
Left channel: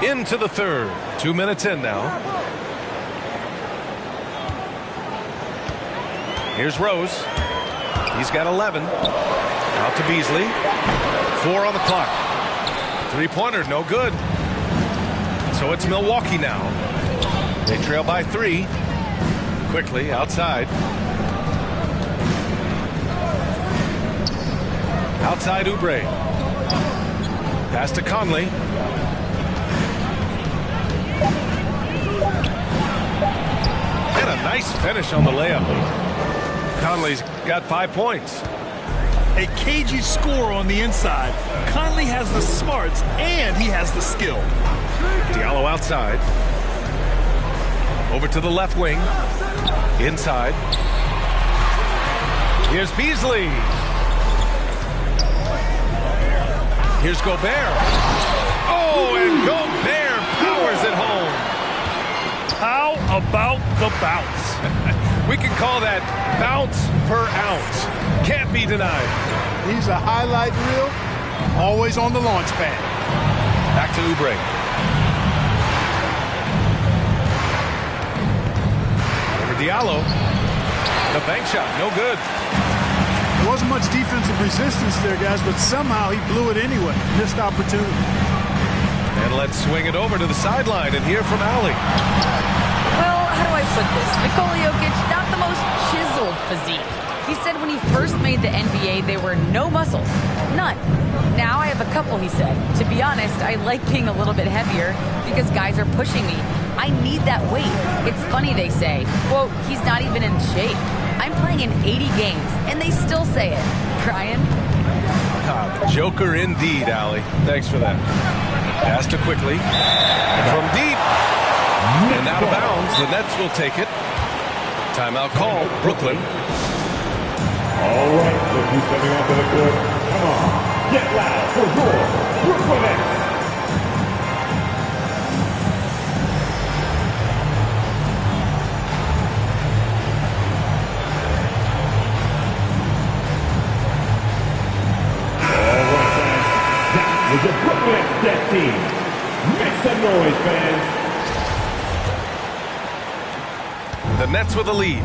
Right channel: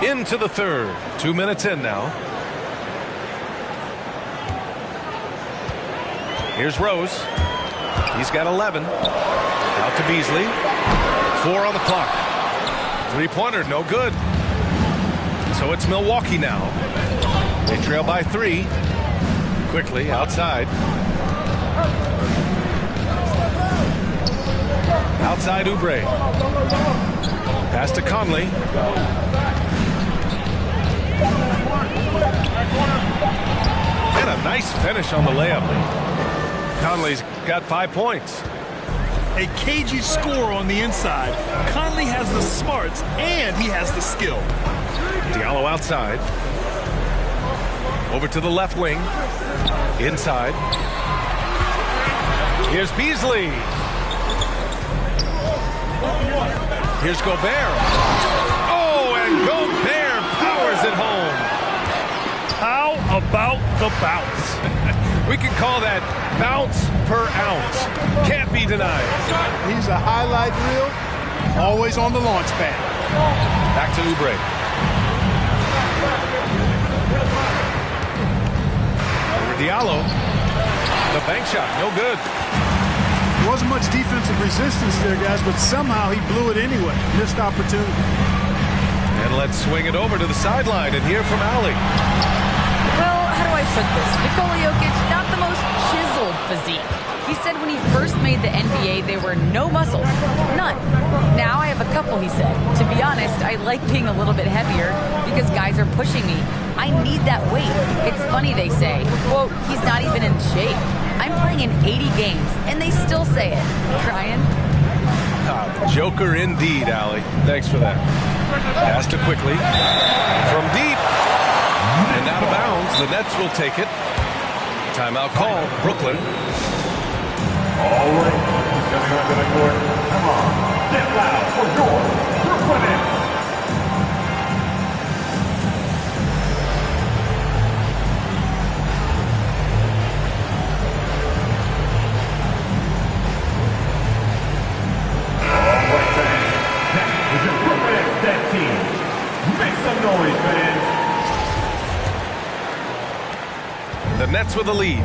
Into the third. 2 minutes in now. Here's Rose. He's got 11. Out to Beasley. 4 on the clock. Three-pointer, no good. So it's Milwaukee now. They trail by 3. Quickly outside. Outside Oubre. Pass to Conley. And a nice finish on the layup. Conley's got 5 points. A cagey score on the inside. Conley has the smarts and he has the skill. Diallo outside. Over to the left wing. Inside. Here's Beasley. Here's Gobert. Oh, and Gobert powers it home. How about the bounce? We can call that bounce per ounce. Can't be denied. He's a highlight reel, always on the launch pad. Back to Oubre. Over Diallo. The bank shot, no good. There wasn't much defensive resistance there, guys, but somehow he blew it anyway. Missed opportunity. And let's swing it over to the sideline and hear from Allie. Well, how do I put this? Nikola Jokic, not the most chiseled physique. He said when he first made the NBA, there were no muscles. None. Now I have a couple, he said. To be honest, I like being a little bit heavier because guys are pushing me. I need that weight. It's funny they say, quote, he's not even in shape. I'm playing in 80 games, and they still say it. Brian? Ah, the Joker indeed, Allie. Thanks for that. Pass to quickly. From deep. And out of bounds. The Nets will take it. Timeout call. Brooklyn. All right, look who's coming onto the court. Come on, get loud for your Brooklyn Nets. All right, fans, that was your Brooklyn Nets Nets team. Make some noise, fans. The Nets with a lead.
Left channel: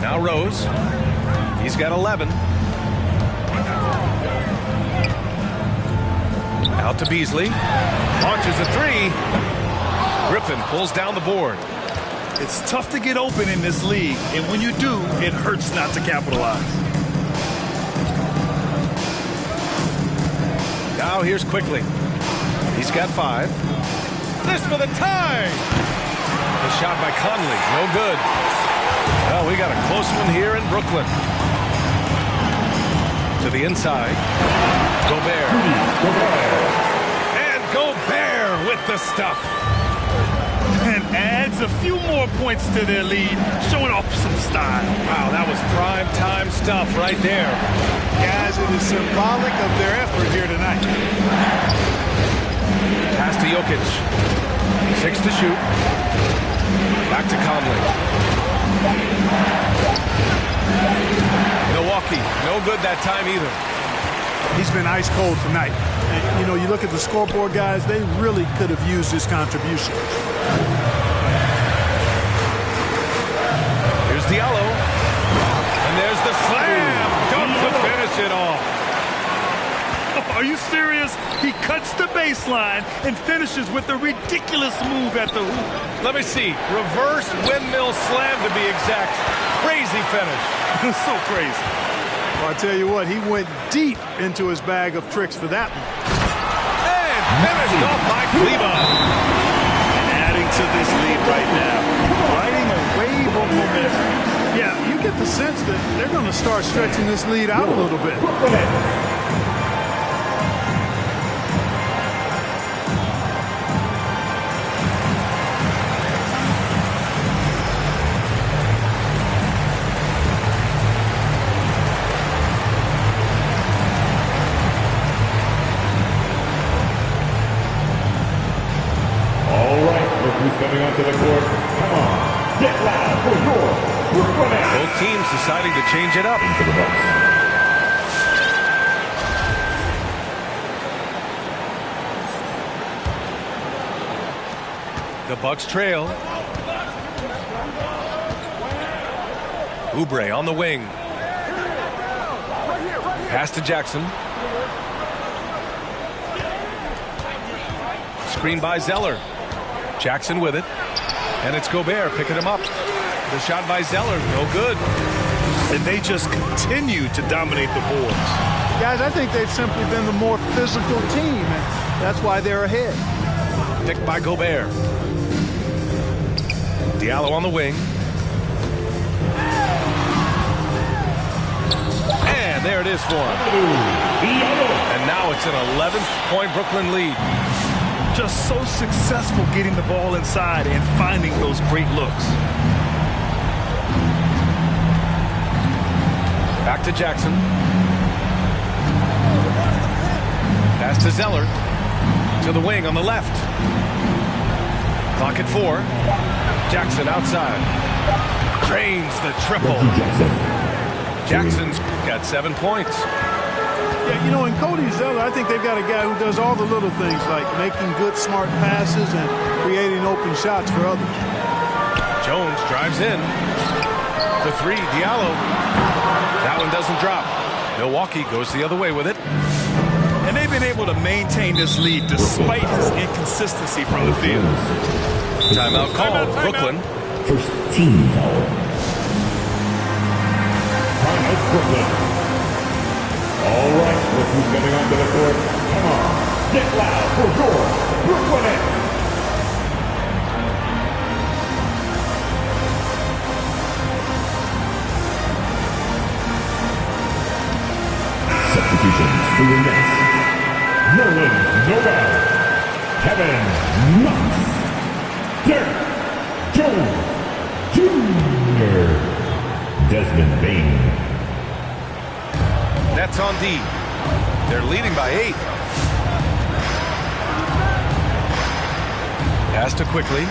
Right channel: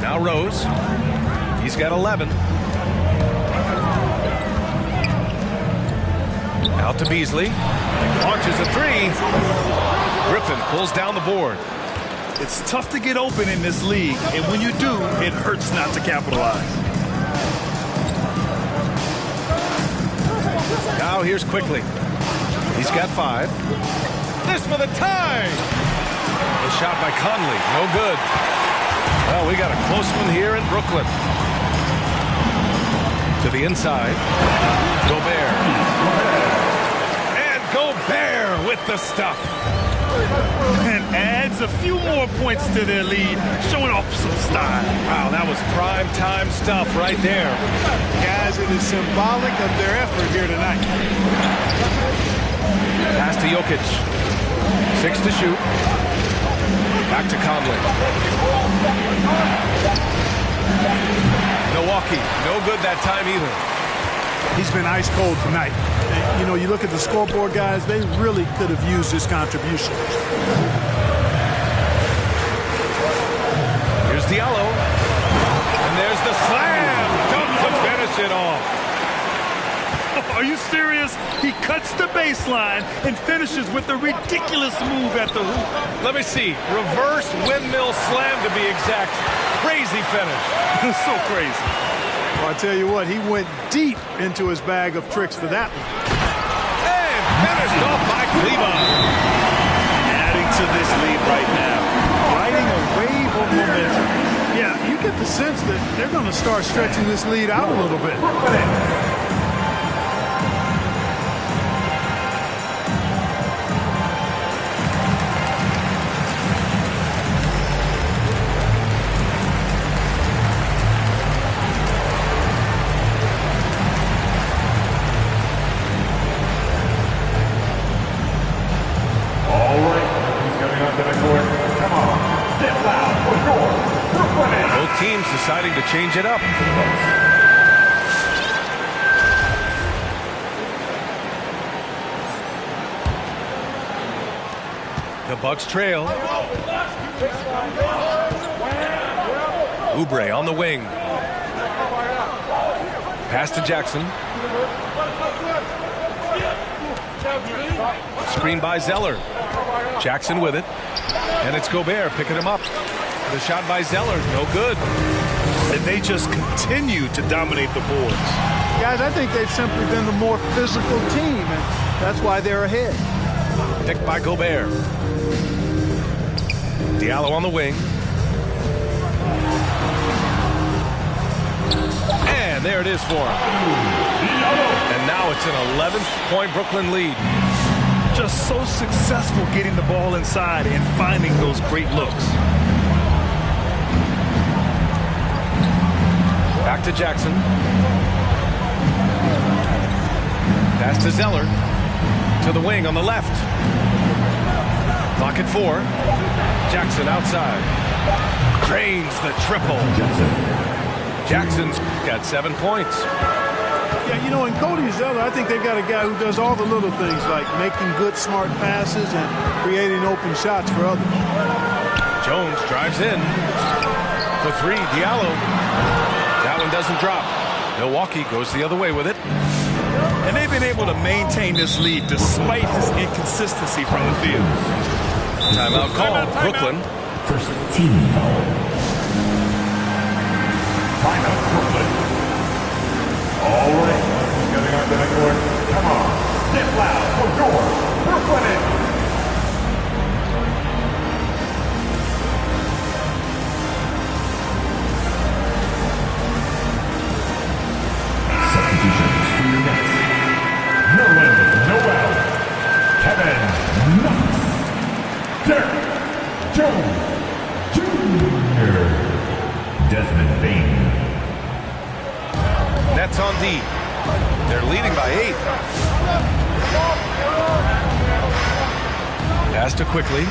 Now Rose. He's got 11. Out to Beasley. Launches a 3. Griffin pulls down the board. It's tough to get open in this league, and when you do, it hurts not to capitalize. Now here's Quickly. He's got 5. This for the tie. The shot by Conley. No good. Well, we got a close one here in Brooklyn. To the inside. Gobert. And Gobert with the stuff. And adds a few more points to their lead, showing off some style. Wow, that was prime time stuff right there. Guys, it is symbolic of their effort here tonight. Pass to Jokic. 6 to shoot. Back to Conley. Milwaukee, no good that time either. He's been ice cold tonight. And, you know, you look at the scoreboard, guys, they really could have used his contribution. Here's Diallo. And there's the slam dunk to finish it off. Are you serious? He cuts the baseline and finishes with a ridiculous move at the hoop. Let me see. Reverse windmill slam to be exact. Crazy finish. So crazy. Well, I tell you what, he went deep into his bag of tricks for that one. And finished off by Kleba. And adding to this lead right now. Riding a wave of momentum. Yeah, you get the sense that they're going to start stretching this lead out a little bit. Coming onto the court. Come on, get loud for your Brooklyn Nets. Both teams deciding to change it up. Into the Bucks. The Bucks trail. Oubre on the wing. Pass to Jackson. Screen by Zeller. Jackson with it. And it's Gobert picking him up. The shot by Zeller, no good. And they just continue to dominate the boards. Guys, I think they've simply been the more physical team, and that's why they're ahead. Picked by Gobert. Diallo on the wing. And there it is for him. And now it's an 11th-point Brooklyn lead. Just so successful getting the ball inside and finding those great looks. Back to Jackson. Pass to Zeller. To the wing on the left. Clock at 4. Jackson outside. Drains the triple. Jackson's got 7 points. Yeah, you know, in Cody Zeller, I think they've got a guy who does all the little things like making good, smart passes and creating open shots for others. Jones drives in. For 3, Diallo. That one doesn't drop. Milwaukee goes the other way with it. And they've been able to maintain this lead despite his inconsistency from the field. Timeout called. Brooklyn. First team foul. Timeout, Brooklyn. All right, look who's coming onto the court. Come on, get loud for your Brooklyn Nets. Substitutions for your Nets. Nerlens Noel, Kevin Knox, Derek Jones Jr., Desmond Bane. Nets on D. They're leading by 8. Pass to Quickly.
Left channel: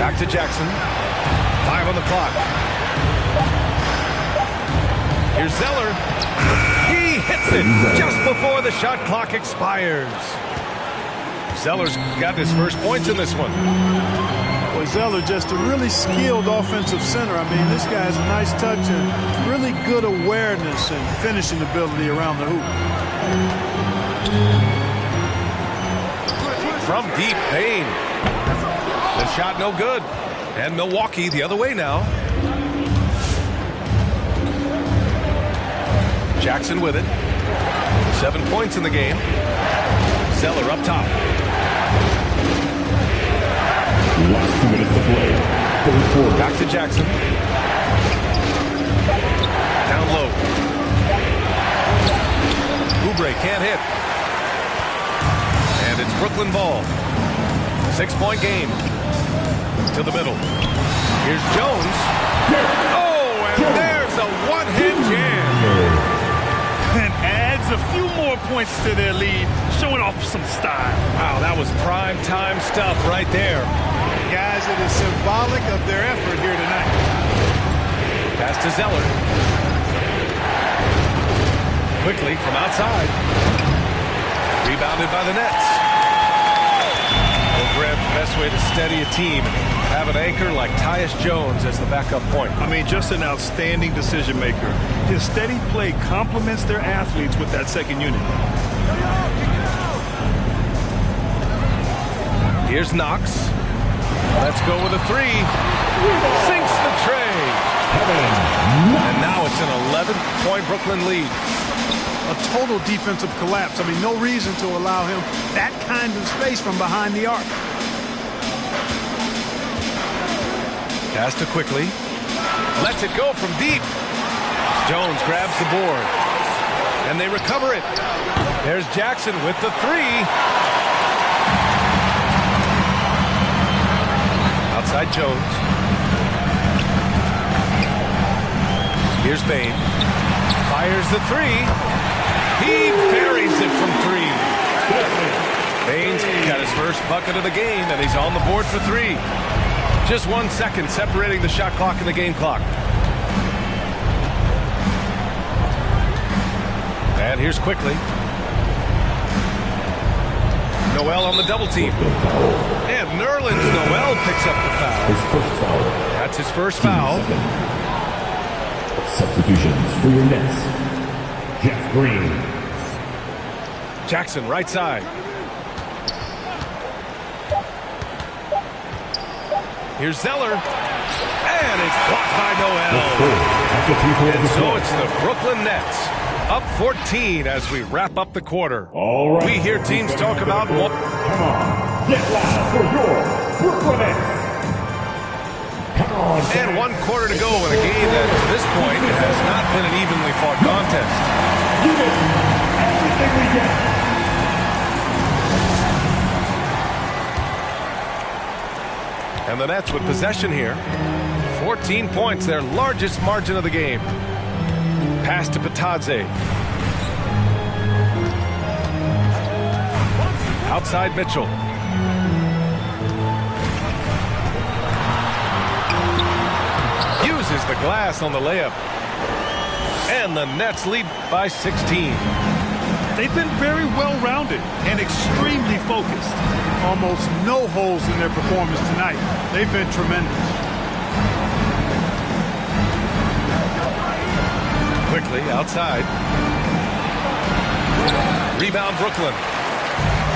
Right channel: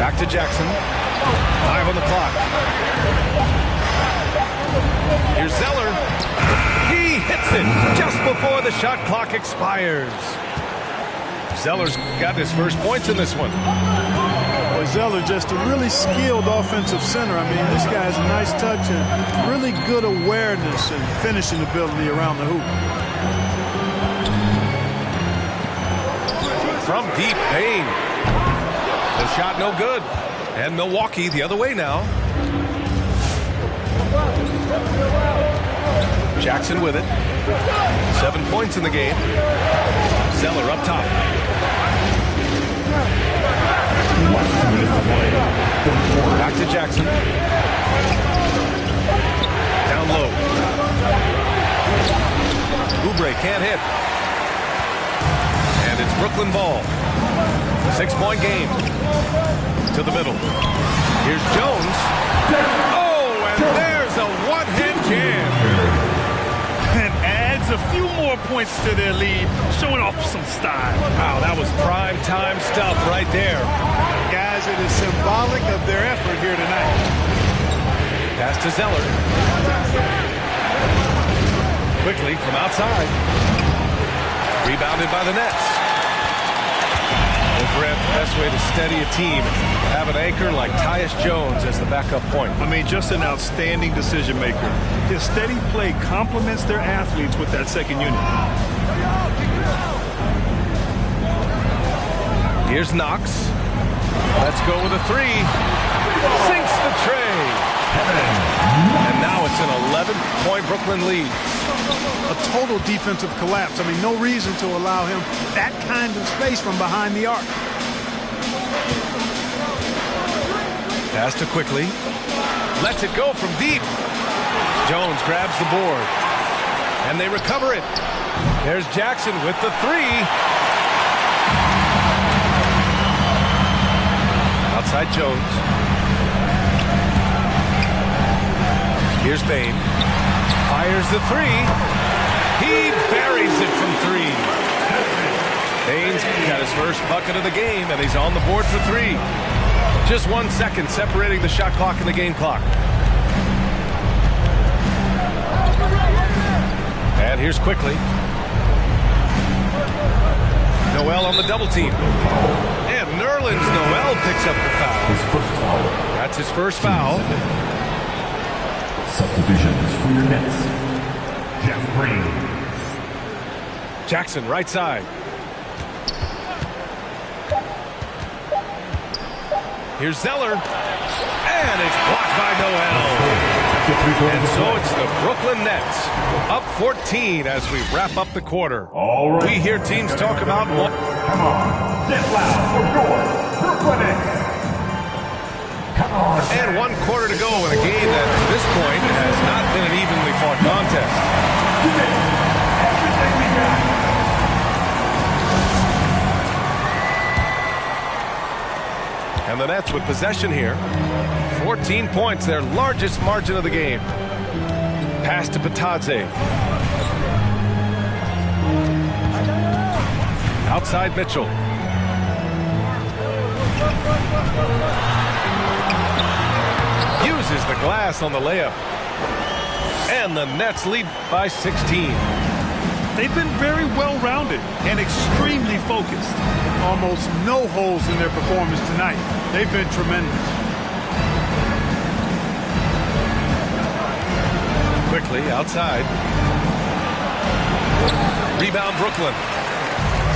Back to Jackson. 5 on the clock. Here's Zeller. He hits it just before the shot clock expires. Zeller's got his first points in this one. Boy, Zeller just a really skilled offensive center. I mean, this guy has a nice touch and really good awareness and finishing ability around the hoop. From deep, Payne. The shot no good. And Milwaukee the other way now. Jackson with it. 7 points in the game. Zeller up top. Last 2 minutes to play. Back to Jackson. Down low. Oubre can't hit. And it's Brooklyn ball. 6-point game. To the middle. Here's Jones. Oh, and there's a one-hand jam. And adds a few more points to their lead, showing off some style. Wow, that was prime time stuff right there. Guys, it is symbolic of their effort here tonight. Pass to Zeller. Quickly from outside. Rebounded by the Nets. Well, Grant, the best way to steady a team, have an anchor like Tyus Jones as the backup point. I mean, just an outstanding decision maker. His steady play complements their athletes with that second unit. Here's Knox. Let's go with a 3. Sinks the tray. And now it's an 11-point Brooklyn lead. A total defensive collapse. I mean, no reason to allow him that kind of space from behind the arc. Pass to Quickly. Lets it go from deep. Jones grabs the board. And they recover it. There's Jackson with the 3. Outside Jones. Here's Bane. Fires the 3. He buries it from 3. Bane's got his first bucket of the game, and he's on the board for 3. Just 1 second separating the shot clock and the game clock. And here's Quickly. Noel on the double team. And Nerlens Noel picks up the foul. His first foul. That's his first foul. Substitutions for your Nets. Jeff Green. Jackson, right side. Here's Zeller. And it's blocked by Noel. And so it's the Brooklyn Nets up 14 as we wrap up the quarter. All right. We hear teams talk about one. Come on, get loud for your Brooklyn Nets. Come on. And 1 quarter to go in a game that to this point has not been an evenly fought contest. Give it everything we got. And the Nets with possession here. 14 points, their largest margin of the game. Pass to Patadze. Outside Mitchell. Uses the glass on the layup. And the Nets lead by 16. They've been very well-rounded and extremely focused. Almost no holes in their performance tonight. They've been tremendous. Quickly outside. Rebound Brooklyn.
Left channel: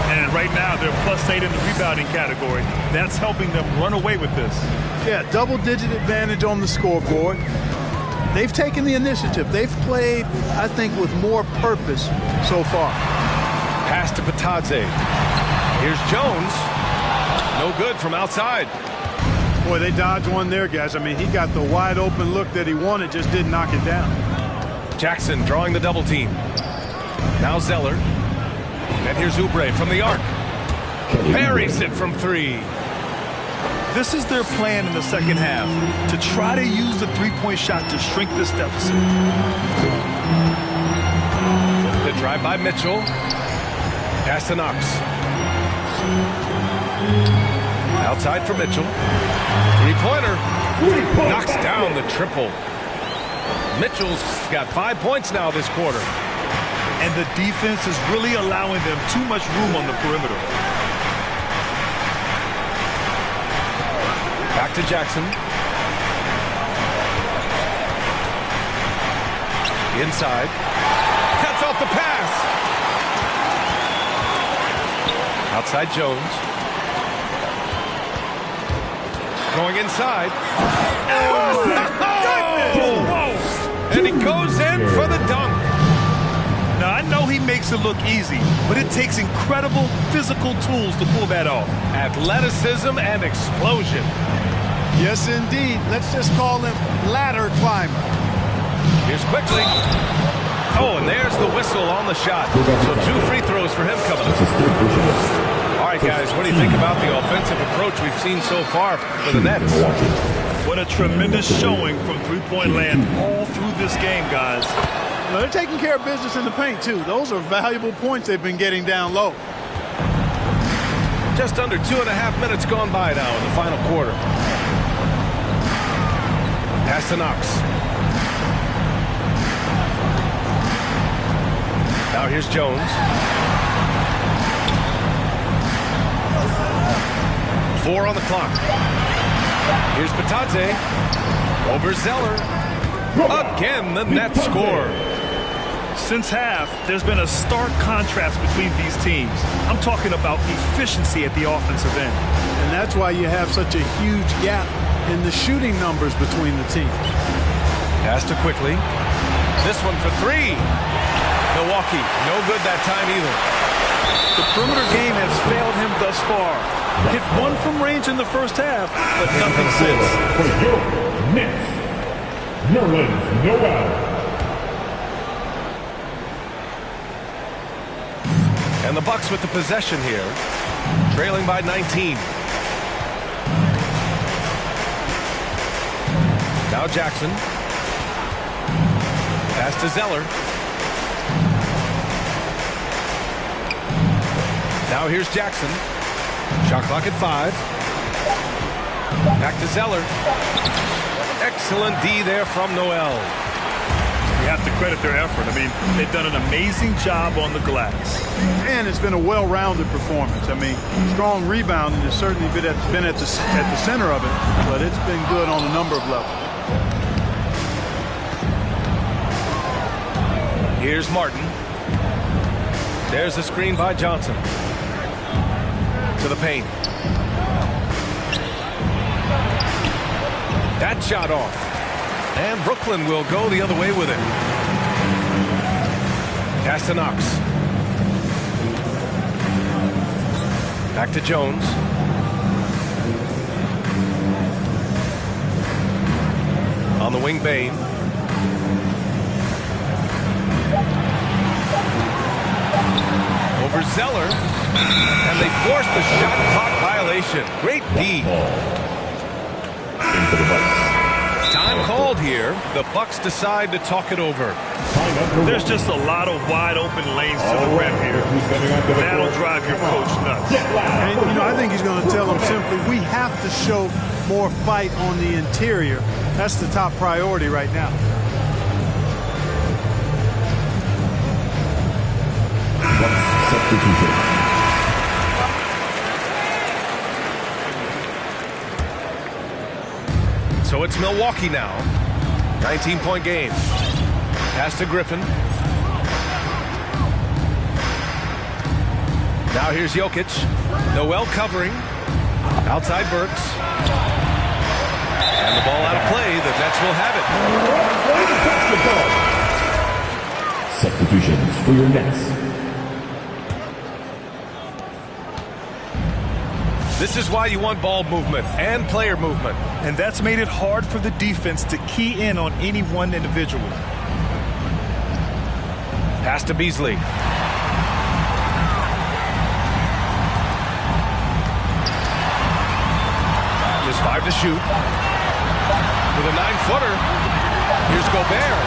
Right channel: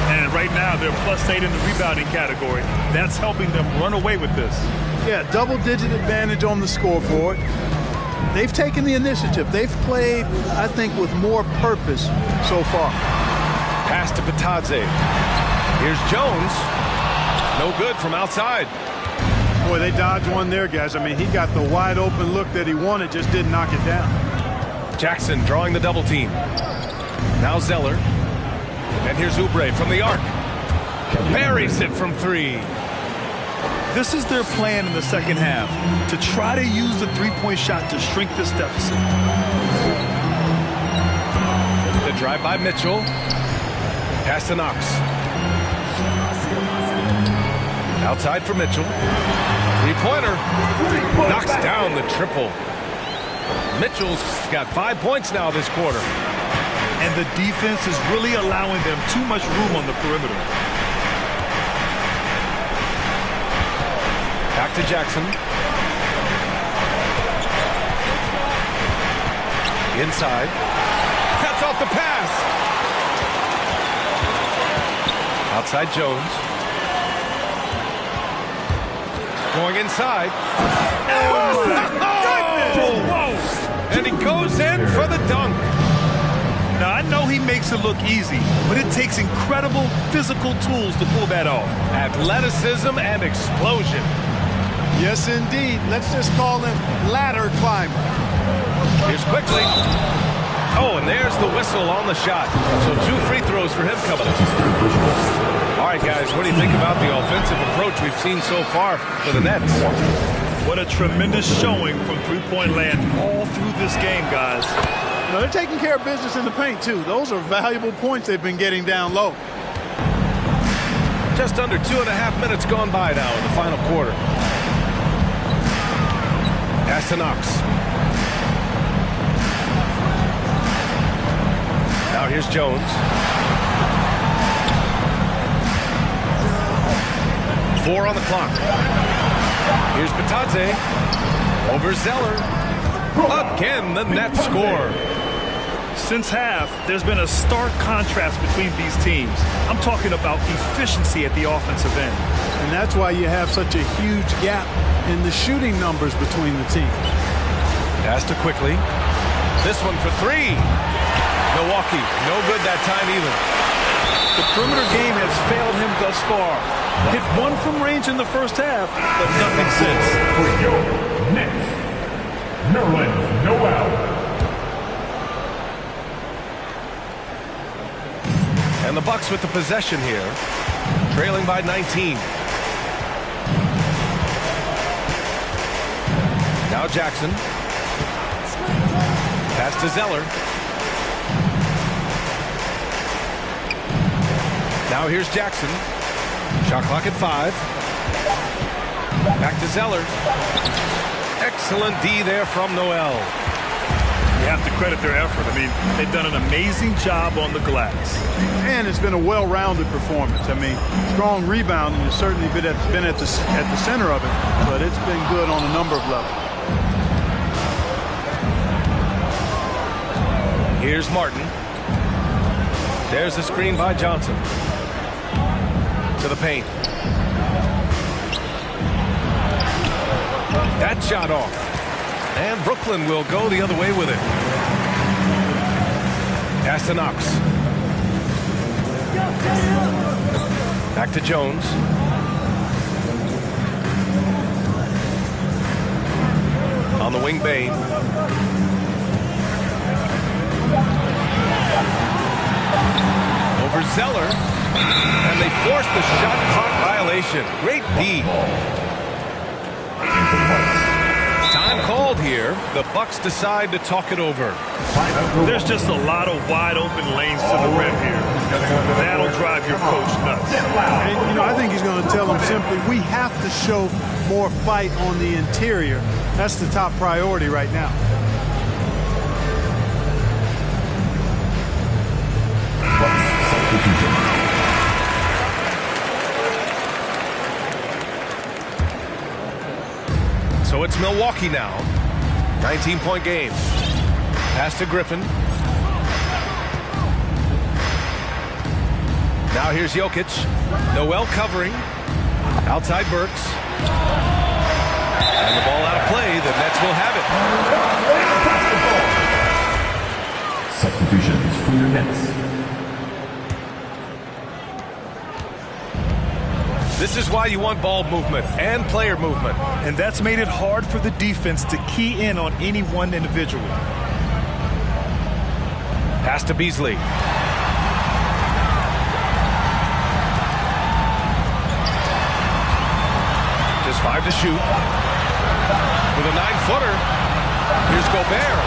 And right now they're +8 in the rebounding category. That's helping them run away with this. Yeah, double-digit advantage on the scoreboard. They've taken the initiative. They've played, I think, with more purpose so far. Pass to Patadze. Here's Jones. No good from outside. Boy, they dodged one there, guys. I mean, he got the wide-open look that he wanted, just didn't knock it down. Jackson drawing the double team. Now Zeller. And here's Oubre from the arc. Buries it from 3. This is their plan in the second half, to try to use the three-point shot to shrink this deficit. The drive by Mitchell. Pass to Knox. Outside for Mitchell. Three-pointer. Knocks down the triple. Mitchell's got 5 points now this quarter. And the defense is really allowing them too much room on the perimeter. Back to Jackson. Inside. Cuts off the pass. Outside Jones. Going inside. Oh, my goodness! Whoa! And he goes in for the dunk. Now, I know he makes it look easy, but it takes incredible physical tools to pull that off. Athleticism and explosion. Yes, indeed. Let's just call him ladder climber. Here's quickly. Oh, and there's the whistle on the shot. So 2 free throws for him coming up. All right, guys, what do you think about the offensive approach we've seen so far for the Nets? What a tremendous showing from three-point land all through this game, guys. You know, they're taking care of business in the paint, too. Those are valuable points they've been getting down low. Just under 2.5 minutes gone by now in the final quarter. Pass to Knox. Now here's Jones. 4 on the clock. Here's Patadze. Over Zeller. Again, the Nets score. Since half, there's been a stark contrast between these teams. I'm talking about efficiency at the offensive end. And that's why you have such a huge gap in the shooting numbers between the teams. Pass to quickly. This one for 3. Milwaukee, no good that time either. The perimeter game has failed him thus far. Hit 1 from range in the first half, but nothing since. For your Nets, Nerlens Noel. And the Bucks with the possession here, trailing by 19. Now Jackson. Pass to Zeller. Now here's Jackson. Shot clock at 5. Back to Zeller. Excellent D there from Noel. You have to credit their effort. I mean, they've done an amazing job on the glass. And it's been a well-rounded performance. I mean, strong rebounding has certainly been at the center of it, but it's been good on a number of levels. Here's Martin. There's the screen by Johnson. To the paint. That shot off. And Brooklyn will go the other way with it. Pass to Knox. Back to Jones. On the wing, Bain. Over Zeller. And they force the shot clock violation. Great D. Time called here. The Bucks decide to talk it over. There's just a lot of wide open lanes to the rim here. That'll drive your coach nuts. And, you know, I think he's going to tell them simply, we have to show more fight on the interior. That's the top priority right now. Substitution. So it's Milwaukee now. 19-point game. Pass to Griffin. Now here's Jokic. Noel covering. Outside Burks. And the ball out of play. The Nets will have it. Substitutions for your Nets. This is why you want ball movement and player movement. And that's made it hard for the defense to key in on any one individual. Pass to Beasley. Just 5 to shoot. With a 9-footer. Here's Gobert.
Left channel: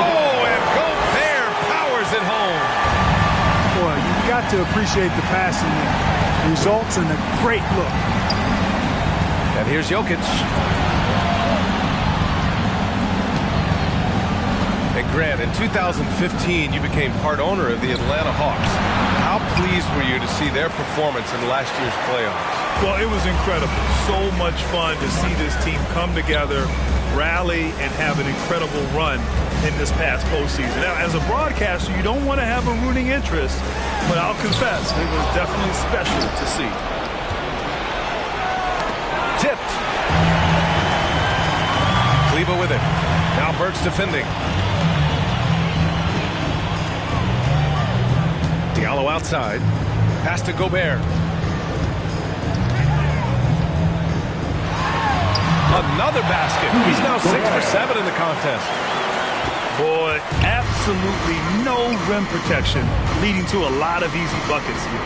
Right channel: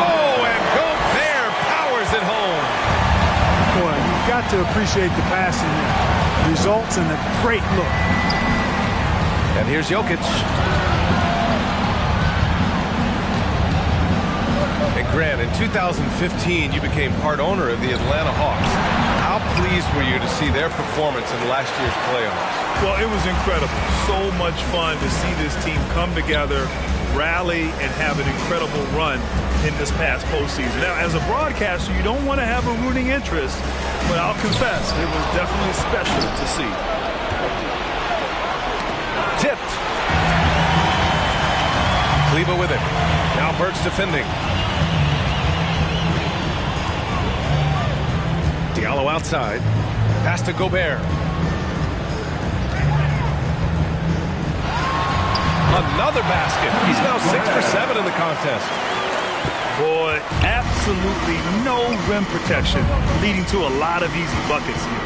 Oh, and Gobert powers it home. Boy, you've got to appreciate the passing there. Results in a great look. And here's Jokic. And Grant, in 2015, you became part owner of the Atlanta Hawks. How pleased were you to see their performance in last year's playoffs? Well, it was incredible. So much fun to see this team come together, rally, and have an incredible run in this past postseason. Now, as a broadcaster, you don't want to have a rooting interest, but I'll confess, it was definitely special to see. Tipped. Kleba with it. Now Burks defending. Diallo outside. Pass to Gobert. Another basket. He's now 6 for 7 in the contest. Boy, absolutely no rim protection, leading to a lot of easy buckets here.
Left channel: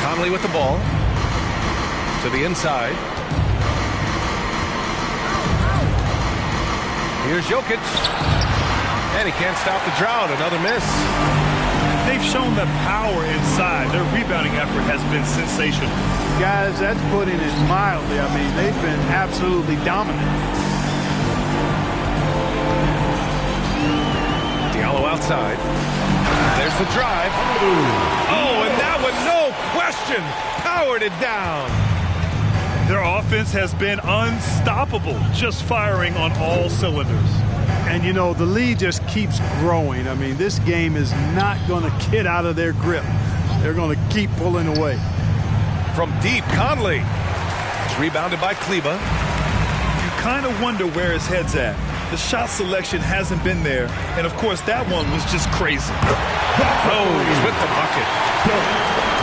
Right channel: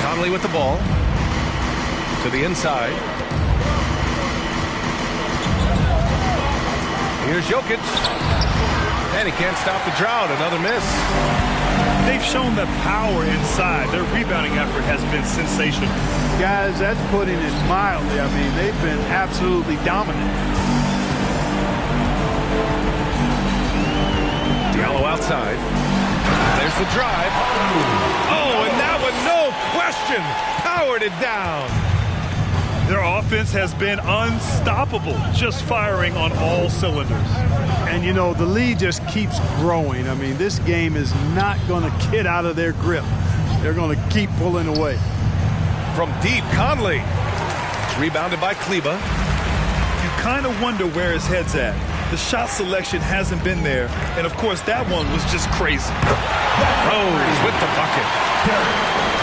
Conley with the ball. To the inside. Here's Jokic. And he can't stop the drought. Another miss. They've shown the power inside. Their rebounding effort has been sensational. Guys, that's putting it mildly. I mean, they've been absolutely dominant. Diallo outside. There's the drive. Oh, and that one, no question, powered it down. Their offense has been unstoppable, just firing on all cylinders. And, you know, the lead just keeps growing. I mean, this game is not going to get out of their grip. They're going to keep pulling away. From deep, Conley. It's rebounded by Kleba. You kind of wonder where his head's at. The shot selection hasn't been there. And, of course, that one was just crazy. Rose with the bucket.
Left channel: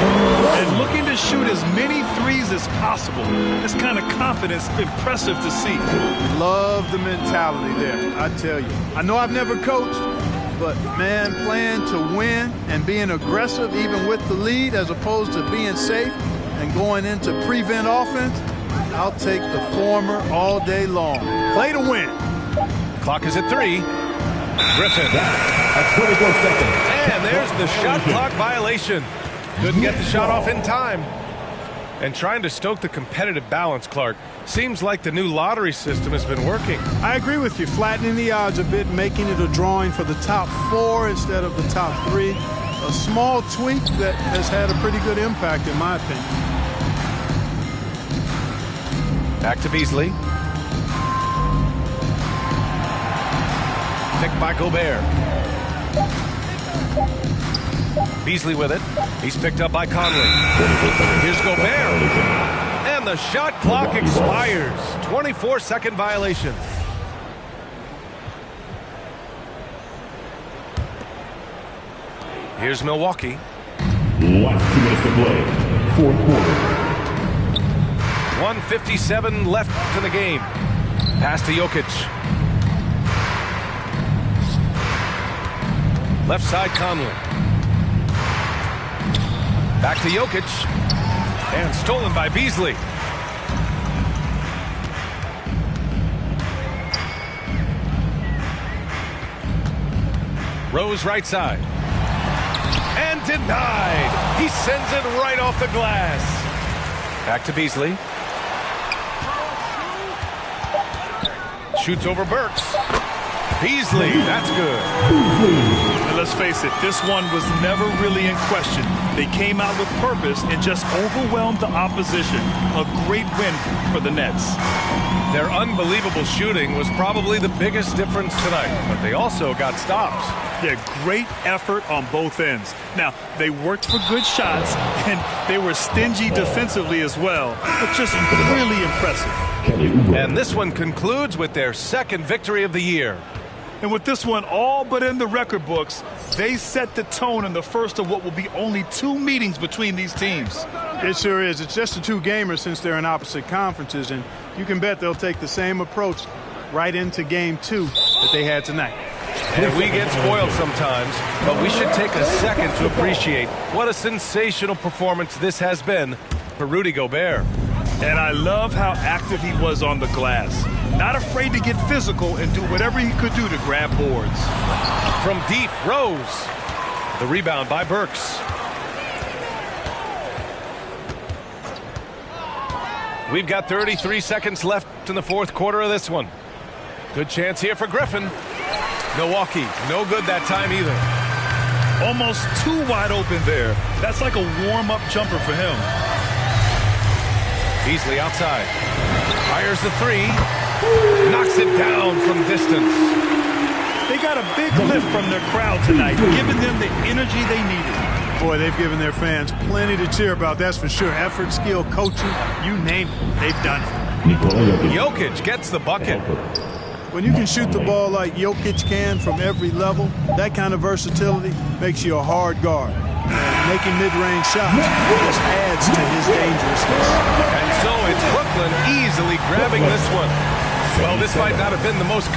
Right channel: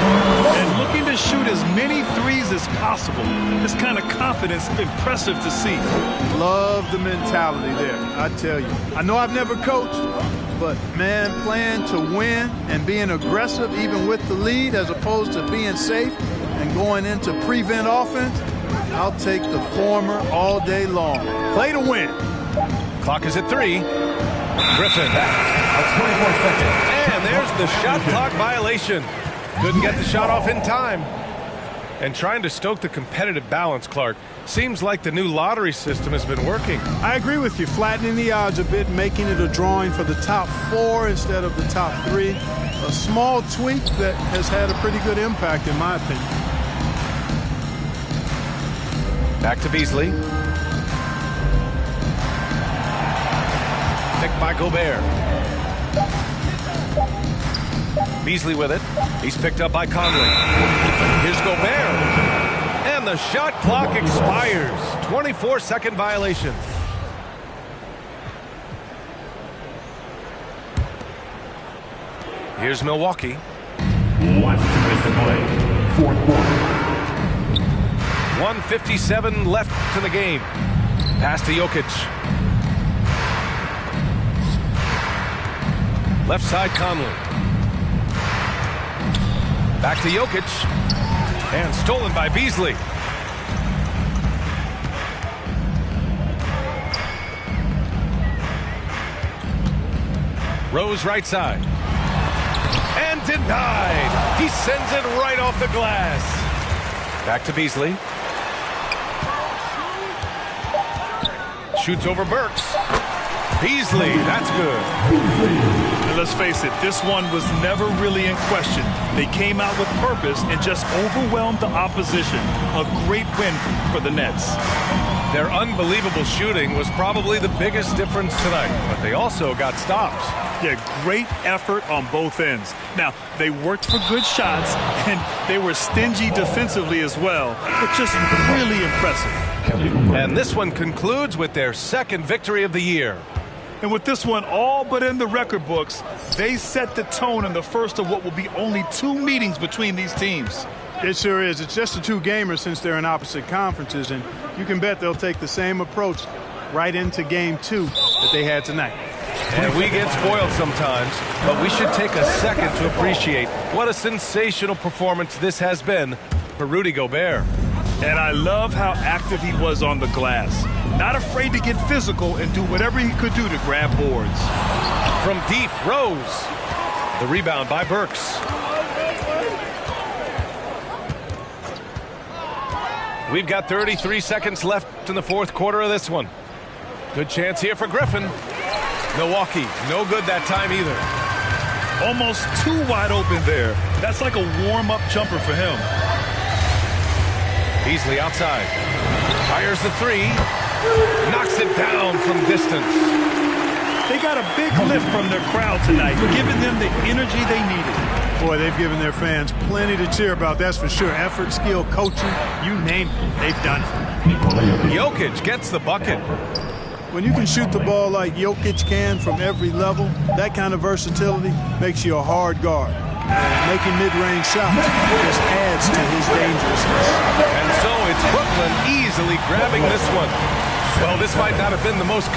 And looking to shoot as many threes as possible. This kind of confidence, impressive to see. Love the mentality there, I tell you. I know I've never coached, but, man, playing to win and being aggressive even with the lead as opposed to being safe and going into prevent offense, I'll take the former all day long. Play to win. Clock is at 3. Griffin. A 24-second. And there's the shot clock violation. Couldn't get the shot off in time. And trying to stoke the competitive balance, Clark, seems like the new lottery system has been working. I agree with you. Flattening the odds a bit, making it a drawing for the top 4 instead of the top 3. A small tweak that has had a pretty good impact, in my opinion. Back to Beasley. Picked by Gobert. Beasley with it. He's picked up by Conley. Here's Gobert. And the shot clock expires. 24-second violation. Here's Milwaukee. Last 2 minutes to play. Fourth quarter. 1:57 left in the game. Pass to Jokic. Left side Conley. Back to Jokic. And stolen by Beasley. Rose right side. And denied. He sends it right off the glass. Back to Beasley. Shoots over Burks. Beasley, that's good. And let's face it, this one was never really in question. They came out with purpose and just overwhelmed the opposition. A great win for the Nets. Their unbelievable shooting was probably the biggest difference tonight, but they also got stops. Yeah, great effort on both ends. Now, they worked for good shots, and they were stingy defensively as well, but just really impressive. And this one concludes with their second victory of the year. And with this one all but in the record books, they set the tone in the first of what will be only 2 meetings between these teams. It sure is. It's just a 2 gamer since they're in opposite conferences, and you can bet they'll take the same approach right into game 2 that they had tonight. And we get spoiled sometimes, but we should take a second to appreciate what a sensational performance this has been for Rudy Gobert. And I love how active he was on the glass. Not afraid to get physical and do whatever he could do to grab boards. From deep, Rose. The rebound by Burks. We've got 33 seconds left in the fourth quarter of this one. Good chance here for Griffin. Milwaukee, no good that time either. Almost too wide open there. That's like a warm-up jumper for him. Beasley outside. Fires the 3. Knocks it down from distance. They got a big lift from their crowd tonight, giving them the energy they needed. Boy, they've given their fans plenty to cheer about, that's for sure. Effort, skill, coaching, you name it, they've done it. Jokic gets the bucket. When you can shoot the ball like Jokic can from every level, that kind of versatility makes you a hard guard. And making mid-range shots just adds to his dangerousness. And so it's Brooklyn easily grabbing this one. Well, this might not have been the most